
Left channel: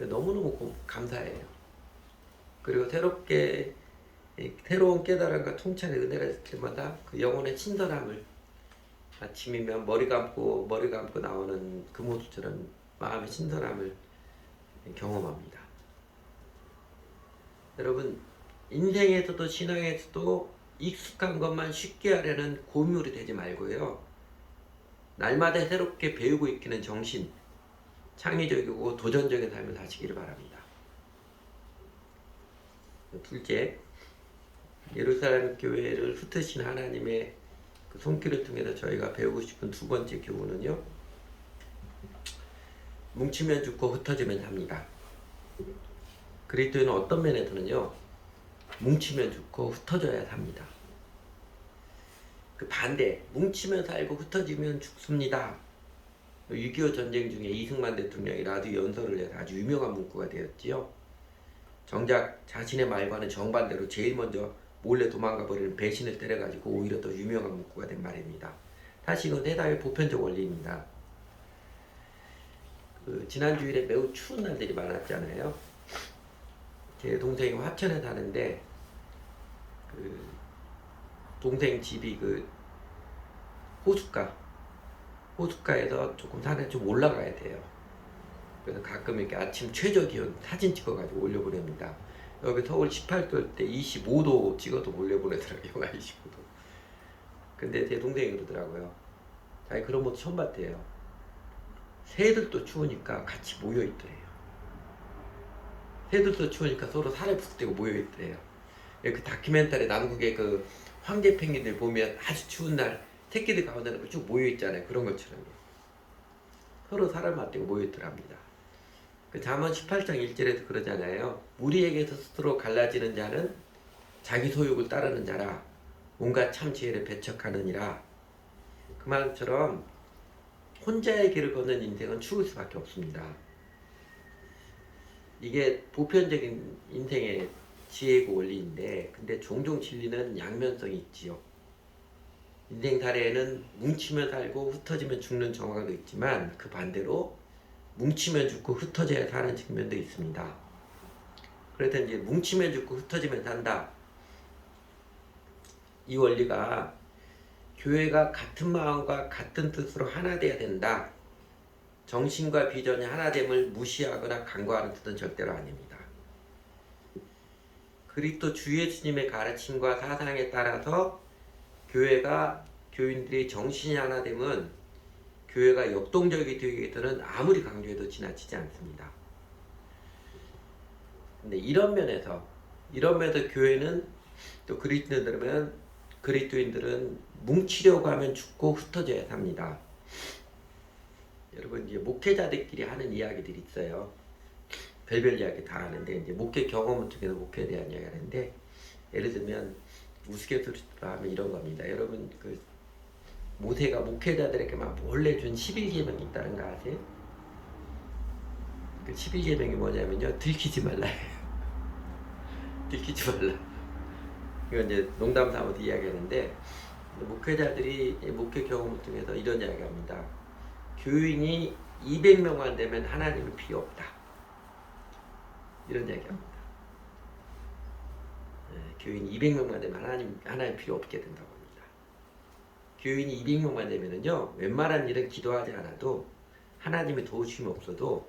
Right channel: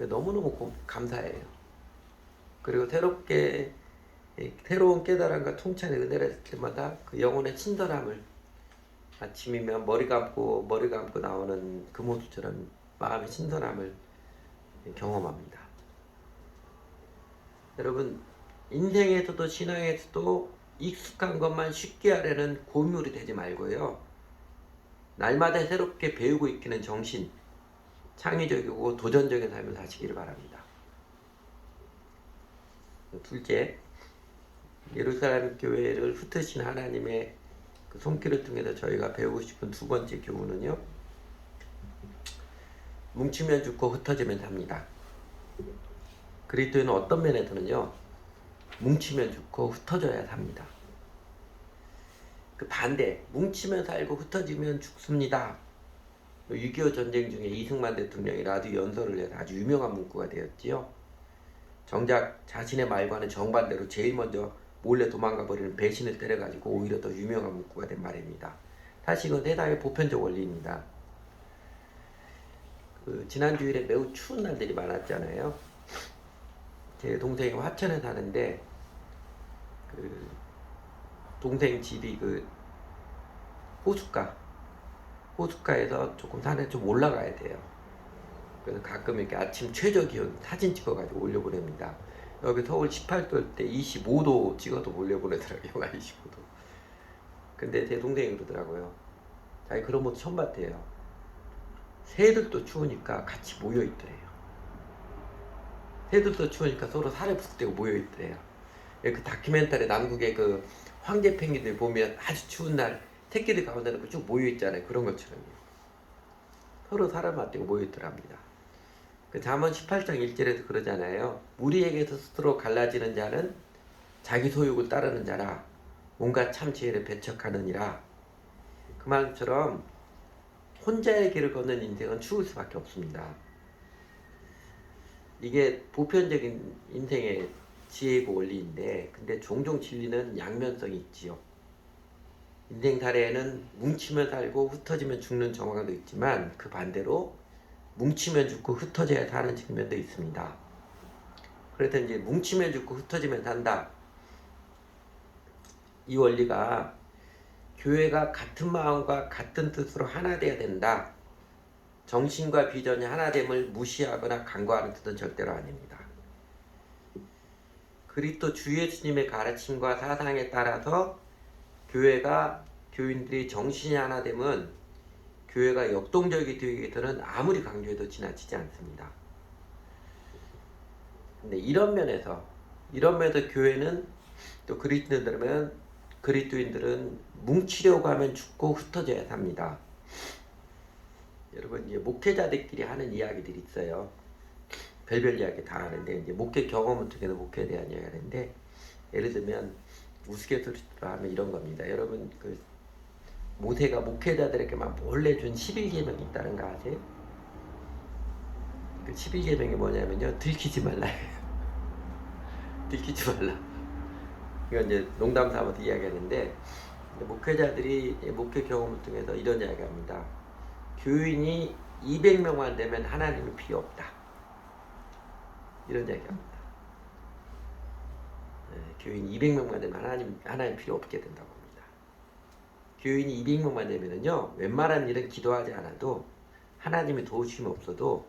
너무너무 감사해요. 그리고 새로운 깨달음과 통찰의 은혜를 줄 때마다 그 영혼의 친절함을 아침이면 머리 감고 나오는 그 모습처럼 마음의 친절함을 경험합니다. 여러분 인생에서도 신앙에서도 익숙한 것만 쉽게 하려는 고물이 되지 말고요. 날마다 새롭게 배우고 익히는 정신, 창의적이고 도전적인 삶을 사시기를 바랍니다. 둘째, 예루살렘 교회를 흩으신 하나님의 그 손길을 통해서 저희가 배우고 싶은 두 번째 교훈은요, 뭉치면 죽고 흩어지면 삽니다. 그리스도인은 어떤 면에서는요, 뭉치면 죽고 흩어져야 삽니다. 그 반대, 뭉치면 살고 흩어지면 죽습니다. 6.25 전쟁 중에 이승만 대통령이 라디오 연설을 해서 아주 유명한 문구가 되었지요. 정작 자신의 말과는 정반대로 제일 먼저 몰래 도망가 버리는 배신을 때려가지고 오히려 더 유명한 문구가 된 말입니다. 사실 이건 세상의 보편적 원리입니다. 지난 주일에 매우 추운 날들이 많았잖아요. 제 동생이 화천에 사는데 동생 집이 호숫가에서 조금 산에 좀 올라가야 돼요. 그래서 가끔 이렇게 아침 최저 기온 사진 찍어가지고 올려보냅니다. 여기 서울 18도일 때 25도 찍어도 올려보내더라고요. 영하 25도. 근데 제 동생이 그러더라고요. 자기 그런 모습 처음 봤대요. 새들도 추우니까 같이 모여있더래요. 새들도 추우니까 서로 살에 붙대고 모여있더래요. 그 다큐멘터리 남극의 그 황제 펭귄들 보면 아주 추운 날 새끼들 가운데 쭉 모여있잖아요. 그런 것처럼 서로 살을 맞대고 모여있더랍니다. 그 잠언 18장 1절에도 그러잖아요. 무리에게서 스스로 갈라지는 자는 자기 소욕을 따르는 자라 온갖 참 지혜를 배척하느니라. 그 말처럼 혼자의 길을 걷는 인생은 추울 수밖에 없습니다. 이게 보편적인 인생의 지혜고 원리인데, 근데 종종 진리는 양면성이 있지요. 인생 사례에는 뭉치면 살고 흩어지면 죽는 정황도 있지만, 그 반대로 뭉치면 죽고 흩어져야 사는 측면도 있습니다. 그래서 이제 뭉치면 죽고 흩어지면 산다. 이 원리가 교회가 같은 마음과 같은 뜻으로 하나 돼야 된다. 정신과 비전이 하나됨을 무시하거나 간과하는 뜻은 절대로 아닙니다. 그리스도 주 예수님의 가르침과 사상에 따라서 교인들이 정신이 하나됨은 교회가 역동적이 되기 위해서는 아무리 강조해도 지나치지 않습니다. 근데 이런 면에서 교회는 또 그리스도인들은 뭉치려고 하면 죽고 흩어져야 삽니다. 여러분 이제 목회자들끼리 하는 이야기들이 있어요. 별별 이야기 다 하는데 이제 목회 경험을 통해서 목회에 대한 이야기를 하는데, 예를 들면 우스갯소리로 하면 이런 겁니다. 여러분 모세가 목회자들에게만 몰래 준 11계명이 있다는 거 아세요? 그 11계명이 뭐냐면요, 들키지 말라예요. 들키지 말라. 이건 이제 농담 삼아서 이야기하는데, 목회자들이 목회 경험을 통해서 이런 이야기합니다. 교인이 200명만 되면 하나님은 필요 없다. 이런 이야기합니다. 교인 200명만 되면 하나님 필요 없게 된다고 합니다. 교인이 200명만 되면은요, 웬만한 일은 기도하지 않아도 하나님의 도우심이 없어도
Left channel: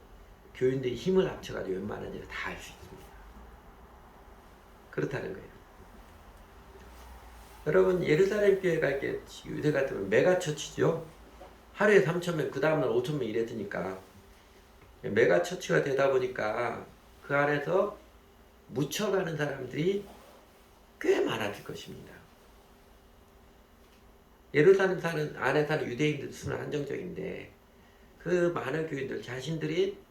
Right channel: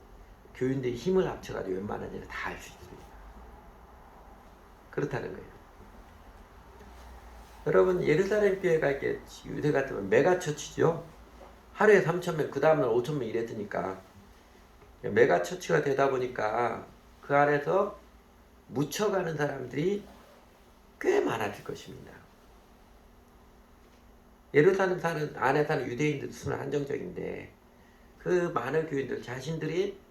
교인들이 힘을 합쳐가지고 웬만한 일을 다 할 수 있습니다. 그렇다는 거예요. 여러분 예루살렘 교회가 이렇게 요새 같으면 메가처치죠. 하루에 3,000명, 그 다음날 5,000명 이랬으니까 메가처치가 되다 보니까 그 안에서 묻혀가는 사람들이 꽤 많아질 것입니다. 예루살렘 안에 사는 유대인들 수는 한정적인데, 그 많은 교인들 자신들이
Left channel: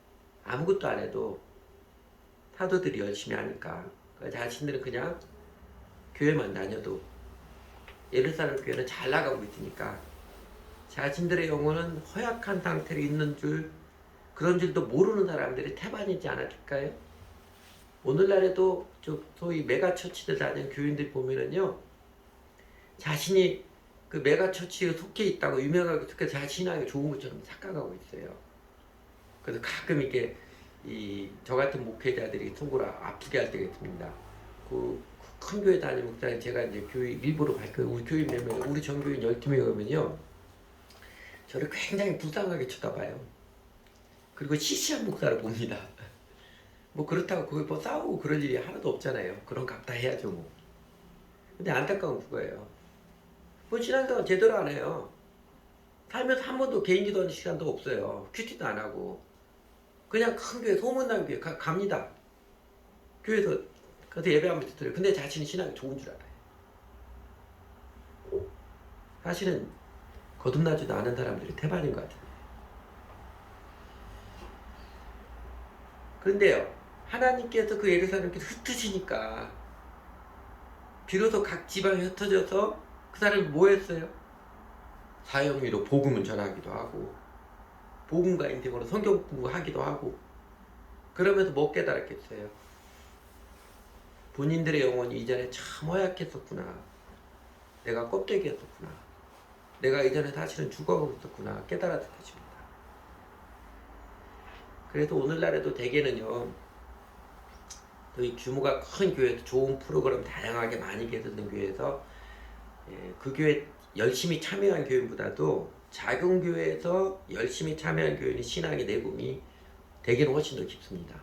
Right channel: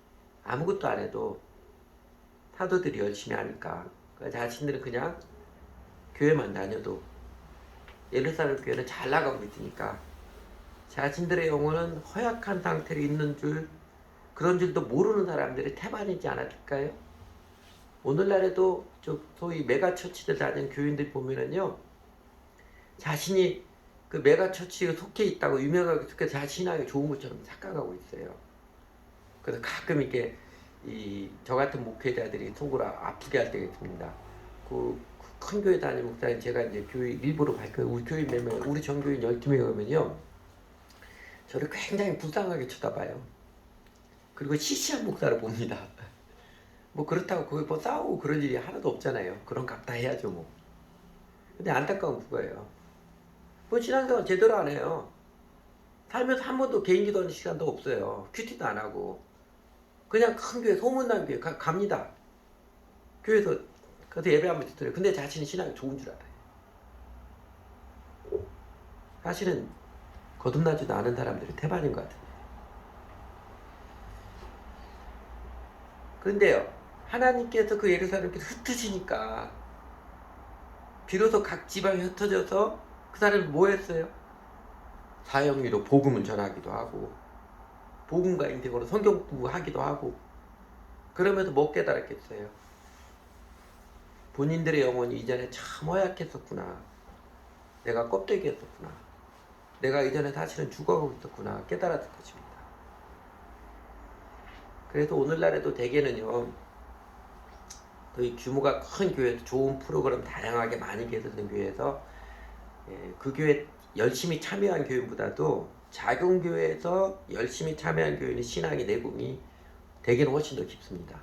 아무것도 안 해도 사도들이 열심히 하니까 자신들은 그냥 교회만 다녀도 예루살렘 교회는 잘 나가고 있으니까 자신들의 영혼은 허약한 상태로 있는 줄, 그런 줄도 모르는 사람들이 태반이지 않았을까요? 오늘날에도 소위 메가처치들 다니는 교인들 보면은요, 자신이 그 메가처치에 속해 있다고 유명하게 자 신앙이 좋은 것처럼 착각하고 있어요. 그래서 가끔 이렇게 저 같은 목회자들이 속으로 아프게 할 때가 있습니다. 큰 교회 다니는 목사님, 제가 이제 교회 일부러 우리 교인 몇 명, 우리 전교인 12명 오면요, 저를 굉장히 불쌍하게 쳐다봐요. 그리고 시시한 목사를 봅니다. 뭐 그렇다고 거기 뭐 싸우고 그럴 일이 하나도 없잖아요. 그런 값 다 해야죠 뭐. 근데 안타까운 그거예요. 뭐 신앙생활 제대로 안 해요. 살면서 한 번도 개인 기도하는 시간도 없어요. 큐티도 안 하고 그냥 큰 교회 소문난 교회 갑니다. 교회에서 그래서 예배하면서 들어요. 근데 자신이 신앙이 좋은 줄 알아요. 사실은 거듭나지도 않은 사람들이 태반인 것 같아요. 그런데요, 하나님께서 그 예루살렘께서 흩으시니까 비로소 각 지방에 흩어져서 그 사람이 뭐 했어요? 사형위로 복음을 전하기도 하고 복음과 인생으로 성경 공부하기도 하고 그러면서 뭐 깨달았겠어요? 본인들의 영혼이 이전에 참 허약했었구나. 내가 껍데기였었구나. 내가 이전에 사실은 죽어가고 있었구나 깨달았을 것입니다. 그래서 오늘날에도 대개는요, 또 이 규모가 큰 교회에서 좋은 프로그램 다양하게 많이 개설된 교회에서 그 교회 열심히 참여한 교인보다도 작은 교회에서 열심히 참여한 교인의 신앙의 내공이 대개는 훨씬 더 깊습니다.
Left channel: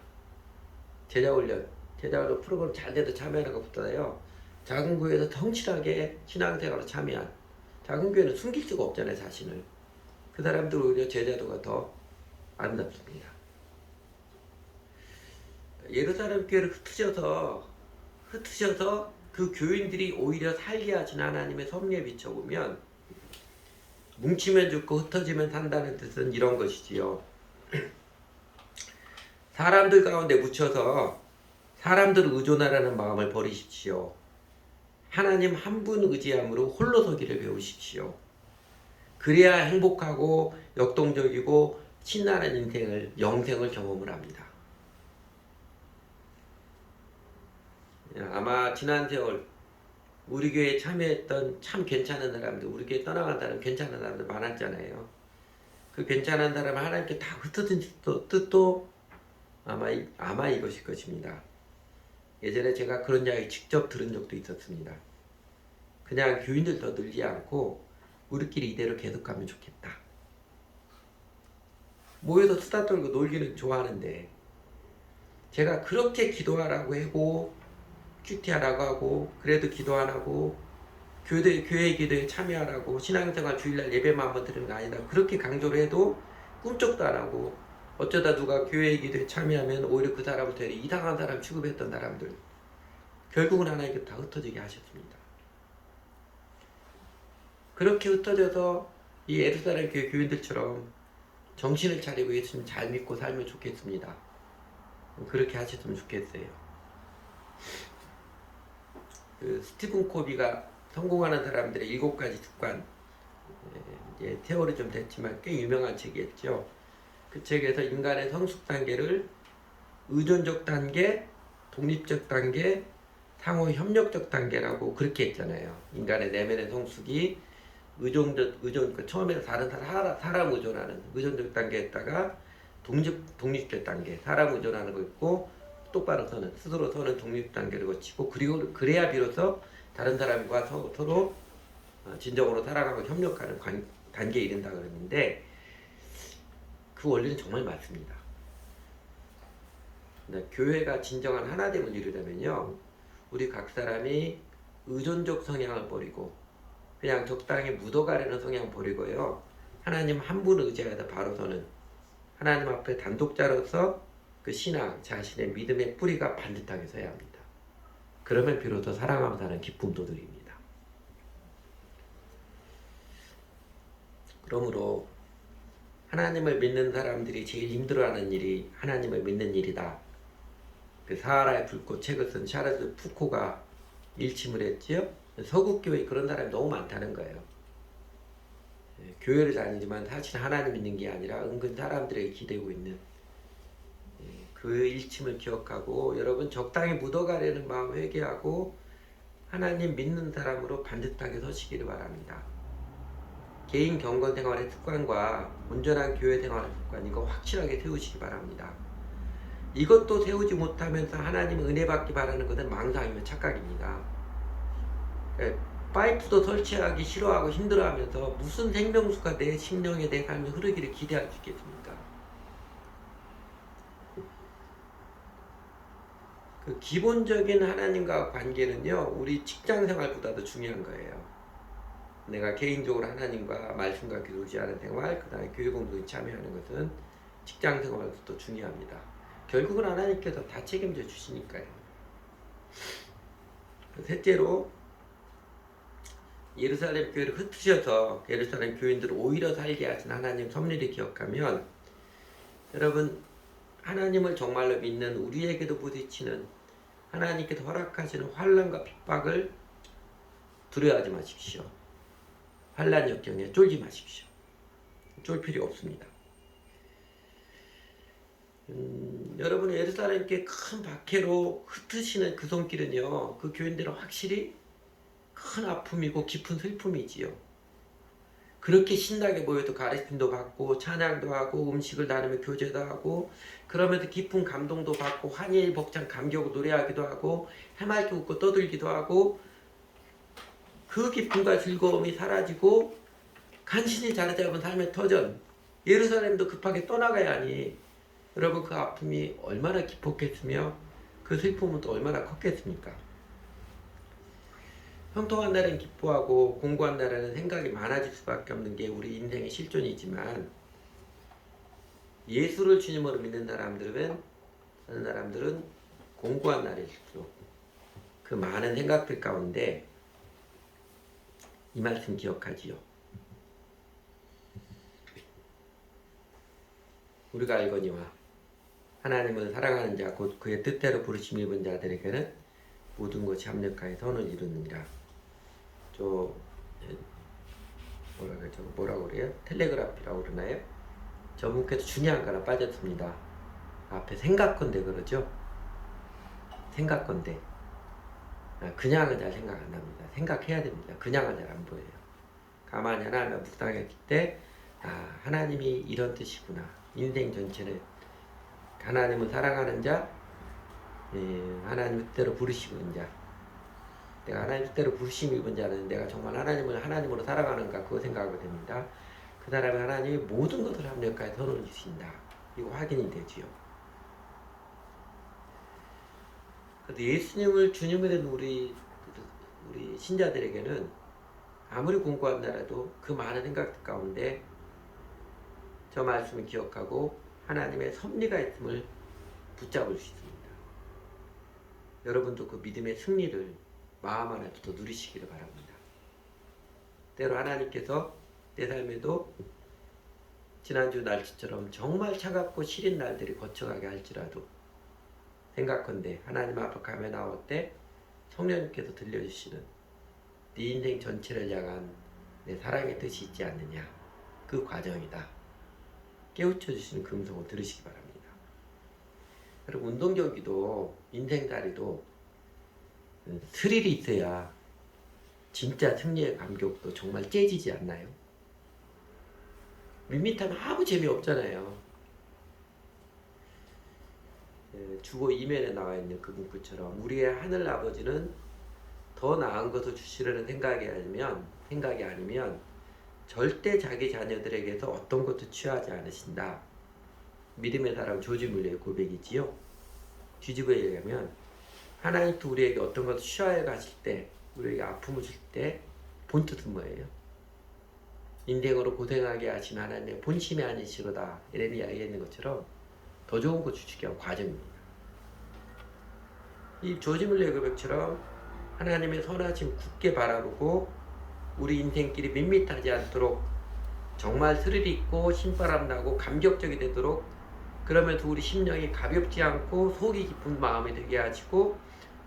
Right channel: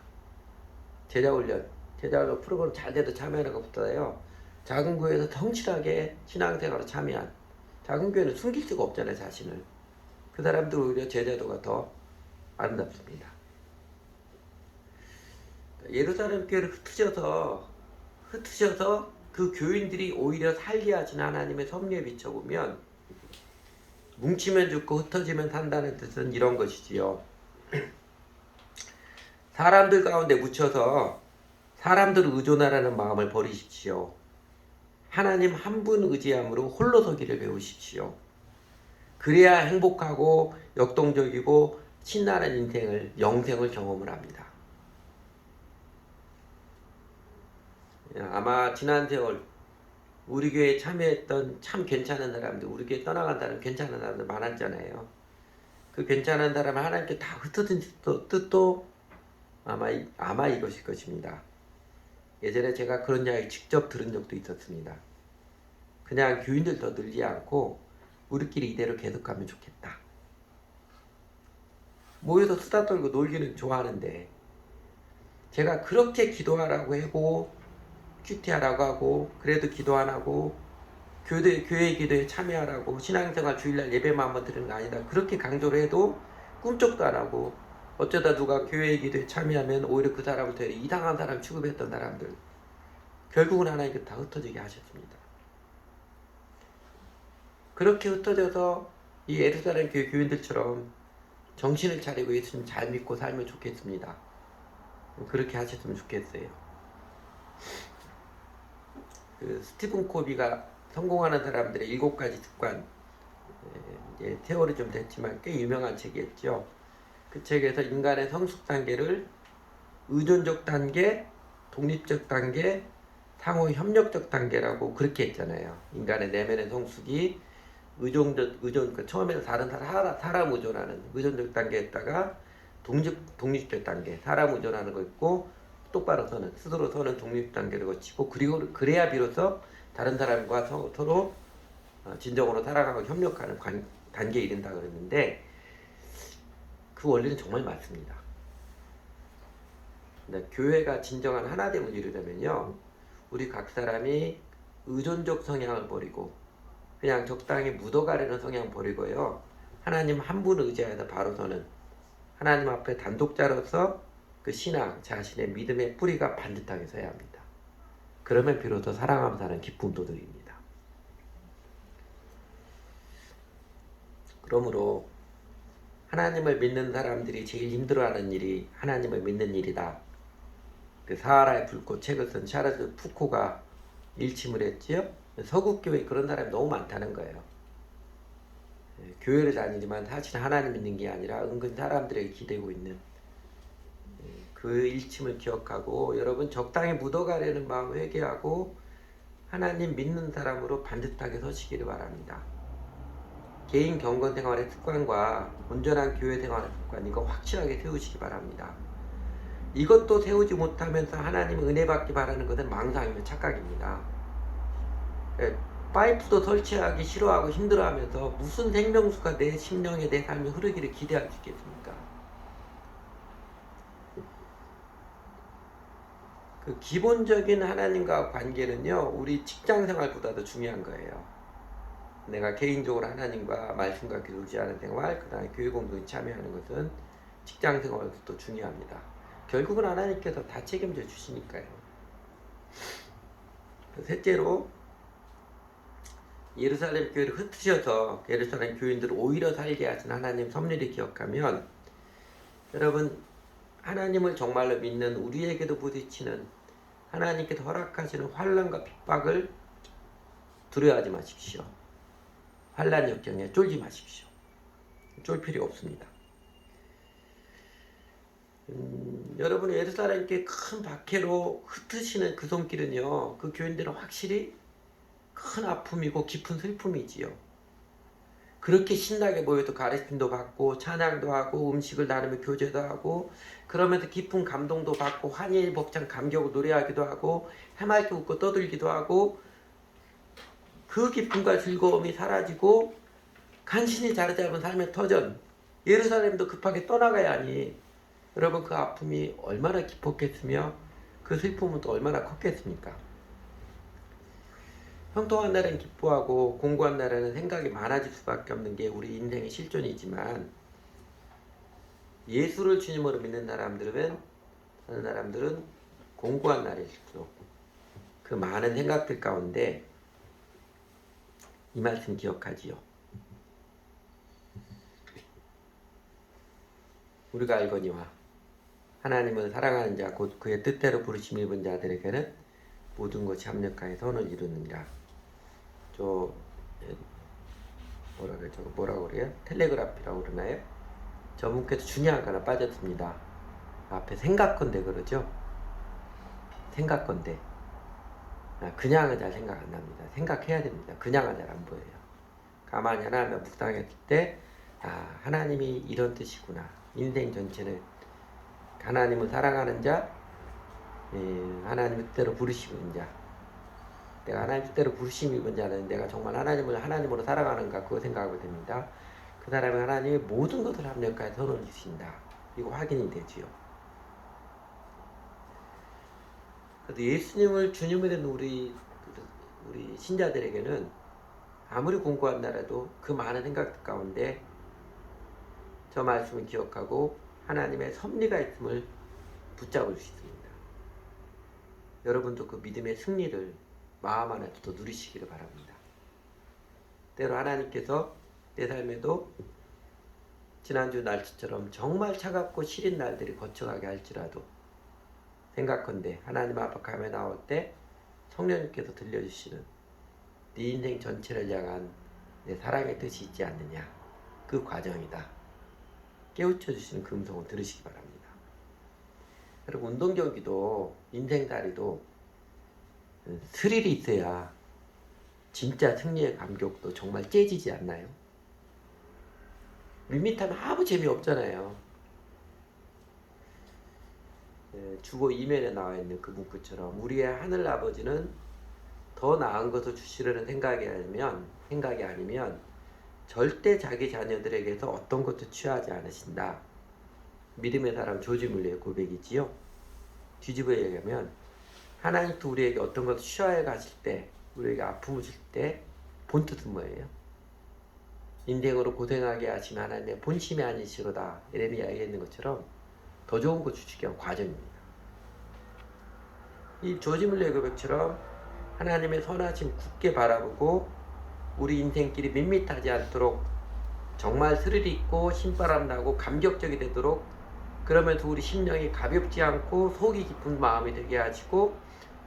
제자훈련 프로그램 잘 돼도 참여하는 것보다요, 작은 교회에서 성실하게 신앙생활에 참여한 작은 교회는 숨길 수가 없잖아요, 자신을. 그 사람들 오히려 제자도가 더 아름답습니다. 예루살렘 교회를 흩으셔서 그 교인들이 오히려 살게 하신 하나님의 섭리에 비춰보면 뭉치면 죽고 흩어지면 산다는 뜻은 이런 것이지요. 사람들 가운데 묻혀서 사람들을 의존하라는 마음을 버리십시오. 하나님 한 분 의지함으로 홀로 서기를 배우십시오. 그래야 행복하고 역동적이고 신나는 인생을 영생을 경험을 합니다. 아마 지난 세월 우리 교회에 참여했던 참 괜찮은 사람들, 우리 교회 떠나간 사람 괜찮은 사람들 많았잖아요. 그 괜찮은 사람을 하나님께 다 흩어진 뜻도 아마 이것일 것입니다. 예전에 제가 그런 이야기 직접 들은 적도 있었습니다. 그냥 교인들 더 늘지 않고 우리끼리 이대로 계속 가면 좋겠다. 모여서 수다 떨고 놀기는 좋아하는데 제가 그렇게 기도하라고 하고 큐티하라고 하고 그래도 기도 안 하고 교회 기도에 참여하라고 신앙생활 주일날 예배만 한번 드리는 거 아니다. 그렇게 강조를 해도 꿈쩍도 안 하고 어쩌다 누가 교회 기도에 참여하면 오히려 그 사람을 되게 이상한 사람 취급했던 사람들 결국은 하나님께 다 흩어지게 하셨습니다. 그렇게 흩어져서 이 예루살렘 교회 교인들처럼 정신을 차리고 예수님 잘 믿고 살면 좋겠습니다. 그렇게 하셨으면 좋겠어요. 그 스티븐 코비가 성공하는 사람들의 7가지 습관, 이제 세월이 좀 됐지만 꽤 유명한 책이었죠. 그 책에서 인간의 성숙 단계를 의존적 단계, 독립적 단계, 상호 협력적 단계라고 그렇게 했잖아요. 인간의 내면의 성숙이 처음에는 다른 사람 의존하는 의존적 단계에다가 독립적 단계, 사람 의존하는 거 있고 똑바로 서는 스스로 서는 독립 단계를 거치고 그리고 그래야 비로소 다른 사람과 서로 진정으로 살아가고 협력하는 단계에 이른다 그랬는데 그 원리는 정말 맞습니다. 교회가 진정한 하나됨을 이루려면요, 우리 각 사람이 의존적 성향을 버리고 그냥 적당히 묻어가려는 성향 버리고요, 하나님 한 분을 의지하여 바로 서는 하나님 앞에 단독자로서 그 신앙, 자신의 믿음의 뿌리가 반듯하게 서야 합니다. 그러면 비로소 사랑하며 사는 기쁨도 드립니다. 그러므로 하나님을 믿는 사람들이 제일 힘들어하는 일이 하나님을 믿는 일이다. 그 사하라의 불꽃 책을 쓴 샤르스 푸코가 일침을 했지요. 서구교회에 그런 사람이 너무 많다는 거예요. 교회를 다니지만 사실 하나님 믿는 게 아니라 은근 사람들에게 기대고 있는 그 일침을 기억하고 여러분 적당히 묻어가려는 마음 회개하고 하나님 믿는 사람으로 반듯하게 서시기를 바랍니다. 개인 경건 생활의 습관과 온전한 교회 생활의 습관 이거 확실하게 세우시기 바랍니다. 이것도 세우지 못하면서 하나님 은혜 받기 바라는 것은 망상이며 착각입니다. 파이프도 설치하기 싫어하고 힘들어하면서 무슨 생명수가 내 심령에 내 삶에 흐르기를 기대할 수 있겠습니까? 그 기본적인 하나님과 관계는요, 우리 직장 생활보다도 중요한 거예요. 내가 개인적으로 하나님과 말씀과 교제하는 생활, 그 다음에 교회 공동에 참여하는 것은 직장 생활도 중요합니다. 결국은 하나님께서 다 책임져 주시니까요. 셋째로, 예루살렘 교회를 흩으셔서 예루살렘 교인들을 오히려 살게 하신 하나님 섭리를 기억하면, 여러분, 하나님을 정말로 믿는 우리에게도 부딪히는 하나님께서 허락하시는 환난과 핍박을 두려워하지 마십시오. 환난 역경에 쫄지 마십시오. 쫄 필요 없습니다. 여러분, 예루살렘 교회 큰 박해로 흩으시는 그 손길은요, 그 교인들은 확실히 큰 아픔이고 깊은 슬픔이지요. 그렇게 신나게 모여도 가르침도 받고 찬양도 하고 음식을 나누며 교제도 하고, 그러면서 깊은 감동도 받고 환희 벅찬 감격을 노래하기도 하고 해맑게 웃고 떠들기도 하고, 그 기쁨과 즐거움이 사라지고 간신히 자리 잡은 삶의 터전, 예루살렘도 급하게 떠나가야 하니 여러분, 그 아픔이 얼마나 깊었겠으며 그 슬픔은 또 얼마나 컸겠습니까? 형통한 날은 기뻐하고 공고한 날에는 생각이 많아질 수밖에 없는 게 우리 인생의 실존이지만, 예수를 주님으로 믿는 사람들은 공고한 날일수록 그 많은 생각들 가운데 이 말씀 기억하지요. 우리가 알거니와 하나님은 사랑하는 자 곧 그의 뜻대로 부르심 입은 자들에게는 모든 것이 합력하여 선을 이루느니라. 뭐라 그래요? 텔레그라프라고 그러나요? 저분께서 중요한 거 하나 빠졌습니다. 앞에 생각건대 그러죠? 생각건대. 그냥은 잘 생각 안 납니다. 생각해야 됩니다. 그냥은 잘 안 보여요. 가만히 하나님과 묵상했을 때, 하나님이 이런 뜻이구나. 인생 전체는 하나님을 사랑하는 자, 하나님 뜻대로 부르시는 자. 내가 하나님 뜻대로 부르심 입은 자는 내가 정말 하나님을 하나님으로 사랑하는가, 그거 생각하게 됩니다. 그 사람은 하나님의 모든 것을 합력하여 선을 주신다. 이거 확인이 되지요. 그래서 예수님을 주님으로 된 우리 신자들에게는 아무리 공고한 나라도 그 많은 생각 가운데 저 말씀을 기억하고 하나님의 섭리가 있음을 붙잡을 수 있습니다. 여러분도 그 믿음의 승리를 마음 안에서 누리시기를 바랍니다. 때로 하나님께서 내 삶에도 지난주 날씨처럼 정말 차갑고 시린 날들이 거쳐가게 할지라도 생각컨대 하나님 앞에 가며 나올 때 성령님께서 들려주시는 네 인생 전체를 향한 내 사랑의 뜻이 있지 않느냐, 그 과정이다. 깨우쳐 주시는 그 음성을 들으시기 바랍니다. 그리고 운동 경기도 인생살이도 스릴이 있어야 진짜 승리의 감격도 정말 째지지 않나요? 밋밋하면 아무 재미없잖아요. 주보 이면에 나와 있는 그 문구처럼 우리의 하늘 아버지는 더 나은 것을 주시려는 생각이 아니면 절대 자기 자녀들에게서 어떤 것도 취하지 않으신다. 믿음의 사람 조지 물러의 고백이지요. 뒤집어 얘기하면 하나님도 우리에게 어떤 것을 취하여 가실 때, 우리에게 아픔을 줄 때 본뜻은 뭐예요? 인생으로 고생하게 하신 하나님의 본심이 아니시로다. 이런 이야기가 있는 것처럼 더 좋은 거 주시기 위한 과정입니다. 이 조지 물러의 고백처럼 하나님의 선하심 굳게 바라보고 우리 인생길이 밋밋하지 않도록 정말 스릴이 있고 신바람 나고 감격적이 되도록, 그러면서 우리 심령이 가볍지 않고 속이 깊은 마음이 되게 하시고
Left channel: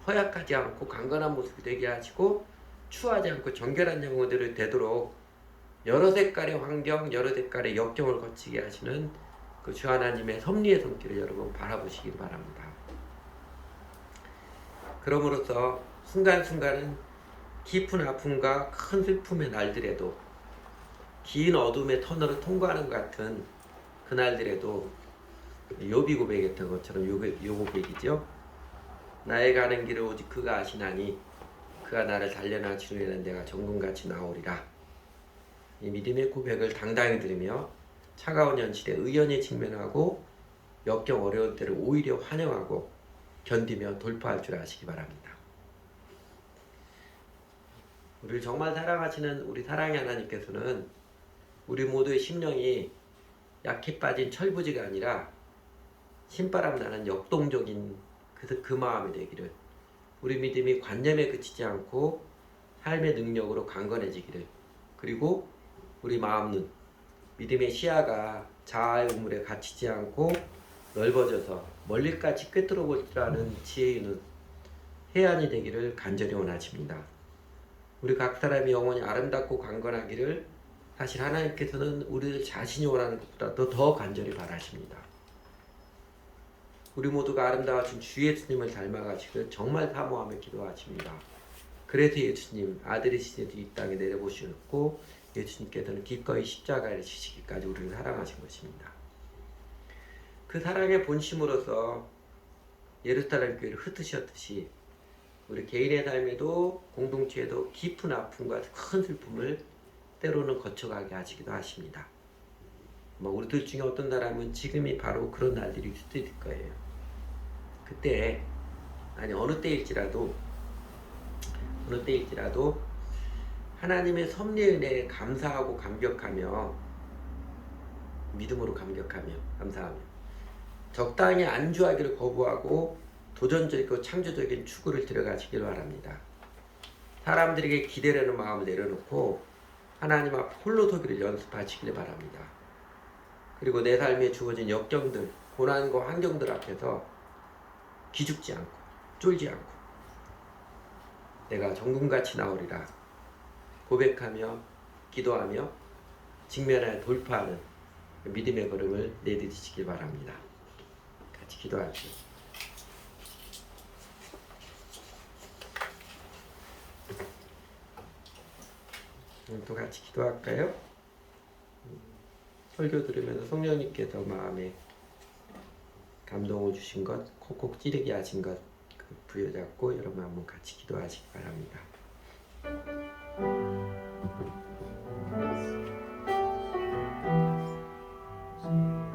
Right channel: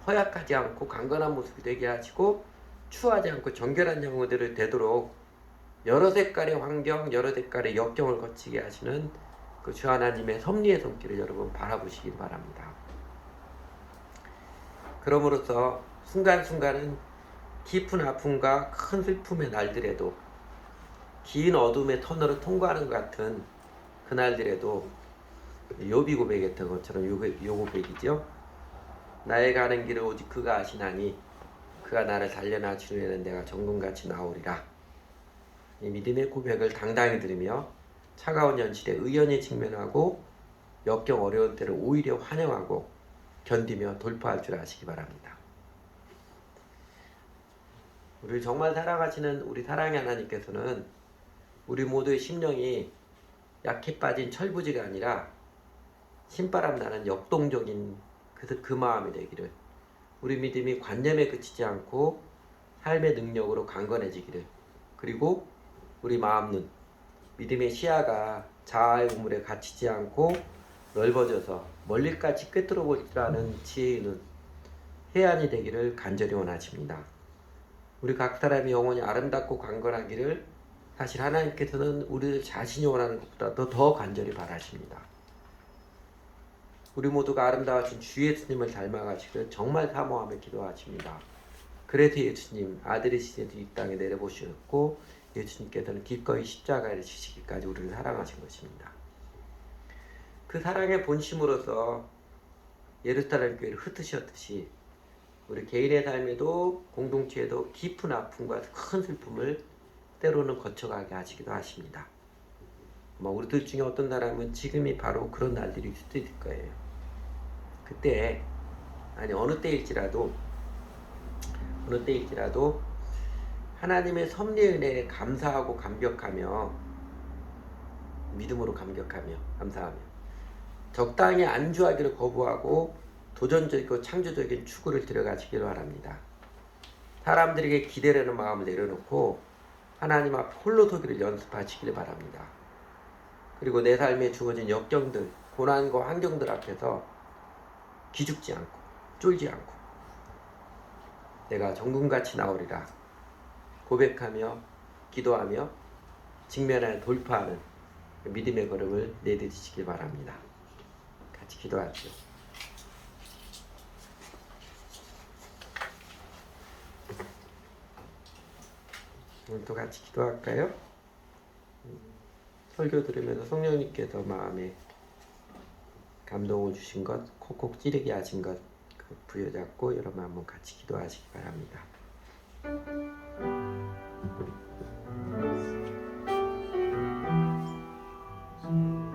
허약하지 않고 강건한 모습이 되게 하시고 추하지 않고 정결한 영혼들이 되도록 여러 색깔의 환경, 여러 색깔의 역경을 거치게 하시는 그 주 하나님의 섭리의 손길을 여러분 바라보시길 바랍니다. 그러므로서 순간순간은 깊은 아픔과 큰 슬픔의 날들에도, 긴 어둠의 터널을 통과하는 것 같은 그날들에도 욥이 고백했던 것처럼 요 고백이죠. 나의 가는 길을 오직 그가 아시나니 그가 나를 살려나 치료에는 내가 정금같이 나오리라. 이 믿음의 고백을 당당히 들으며 차가운 현실에 의연히 직면하고 역경 어려울 때를 오히려 환영하고 견디며 돌파할 줄 아시기 바랍니다. 우리를 정말 사랑하시는 우리 사랑의 하나님께서는 우리 모두의 심령이 약해 빠진 철부지가 아니라 신바람 나는 역동적인 그 마음이 되기를, 우리 믿음이 관념에 그치지 않고 삶의 능력으로 강건해지기를, 그리고 우리 마음 눈, 믿음의 시야가 자아의 우물에 갇히지 않고 넓어져서 멀리까지 꿰뚫어 볼 줄 아는 지혜의 눈, 해안이 되기를 간절히 원하십니다. 우리 각 사람이 영혼이 아름답고 강건하기를 사실 하나님께서는 우리들 자신이 원하는 것보다도 더 간절히 바라십니다. 우리 모두가 아름다우신 주 예수님을 닮아가시길 정말 사모하며 기도하십니다. 그래서 예수님 아들이신 이 땅에 내려보셨고 예수님께서는 기꺼이 십자가를 지시기까지 우리를 사랑하신 것입니다. 그 사랑의 본심으로서 예루살렘 교회를 흩으셨듯이 우리 개인의 삶에도 공동체에도 깊은 아픔과 큰 슬픔을 때로는 거쳐가게 하시기도 하십니다. 우리들 중에 어떤 사람은 지금이 바로 그런 날들이 수도 있을 거예요. 그때 아니 어느 때일지라도 하나님의 섭리의 은혜에 감사하고 감격하며 믿음으로 감격하며 감사하며 적당히 안주하기를 거부하고 도전적이고 창조적인 추구를 들어가시기를 바랍니다. 사람들에게 기대려는 마음을 내려놓고 하나님 앞 홀로 서기를 연습하시기를 바랍니다. 그리고 내 삶에 주어진 역경들, 고난과 환경들 앞에서 기죽지 않고 쫄지 않고 내가 정금같이 나오리라 고백하며 기도하며 직면하여 돌파하는 믿음의 걸음을 내딛으시기 바랍니다. 같이 기도할게요. 오늘도 같이 기도할까요? 설교 들으면서 성령님께서 마음에 감동을 주신 것, 콕콕 찌르게 하신 것 부여잡고 여러분 한번 같이 기도하시기 바랍니다.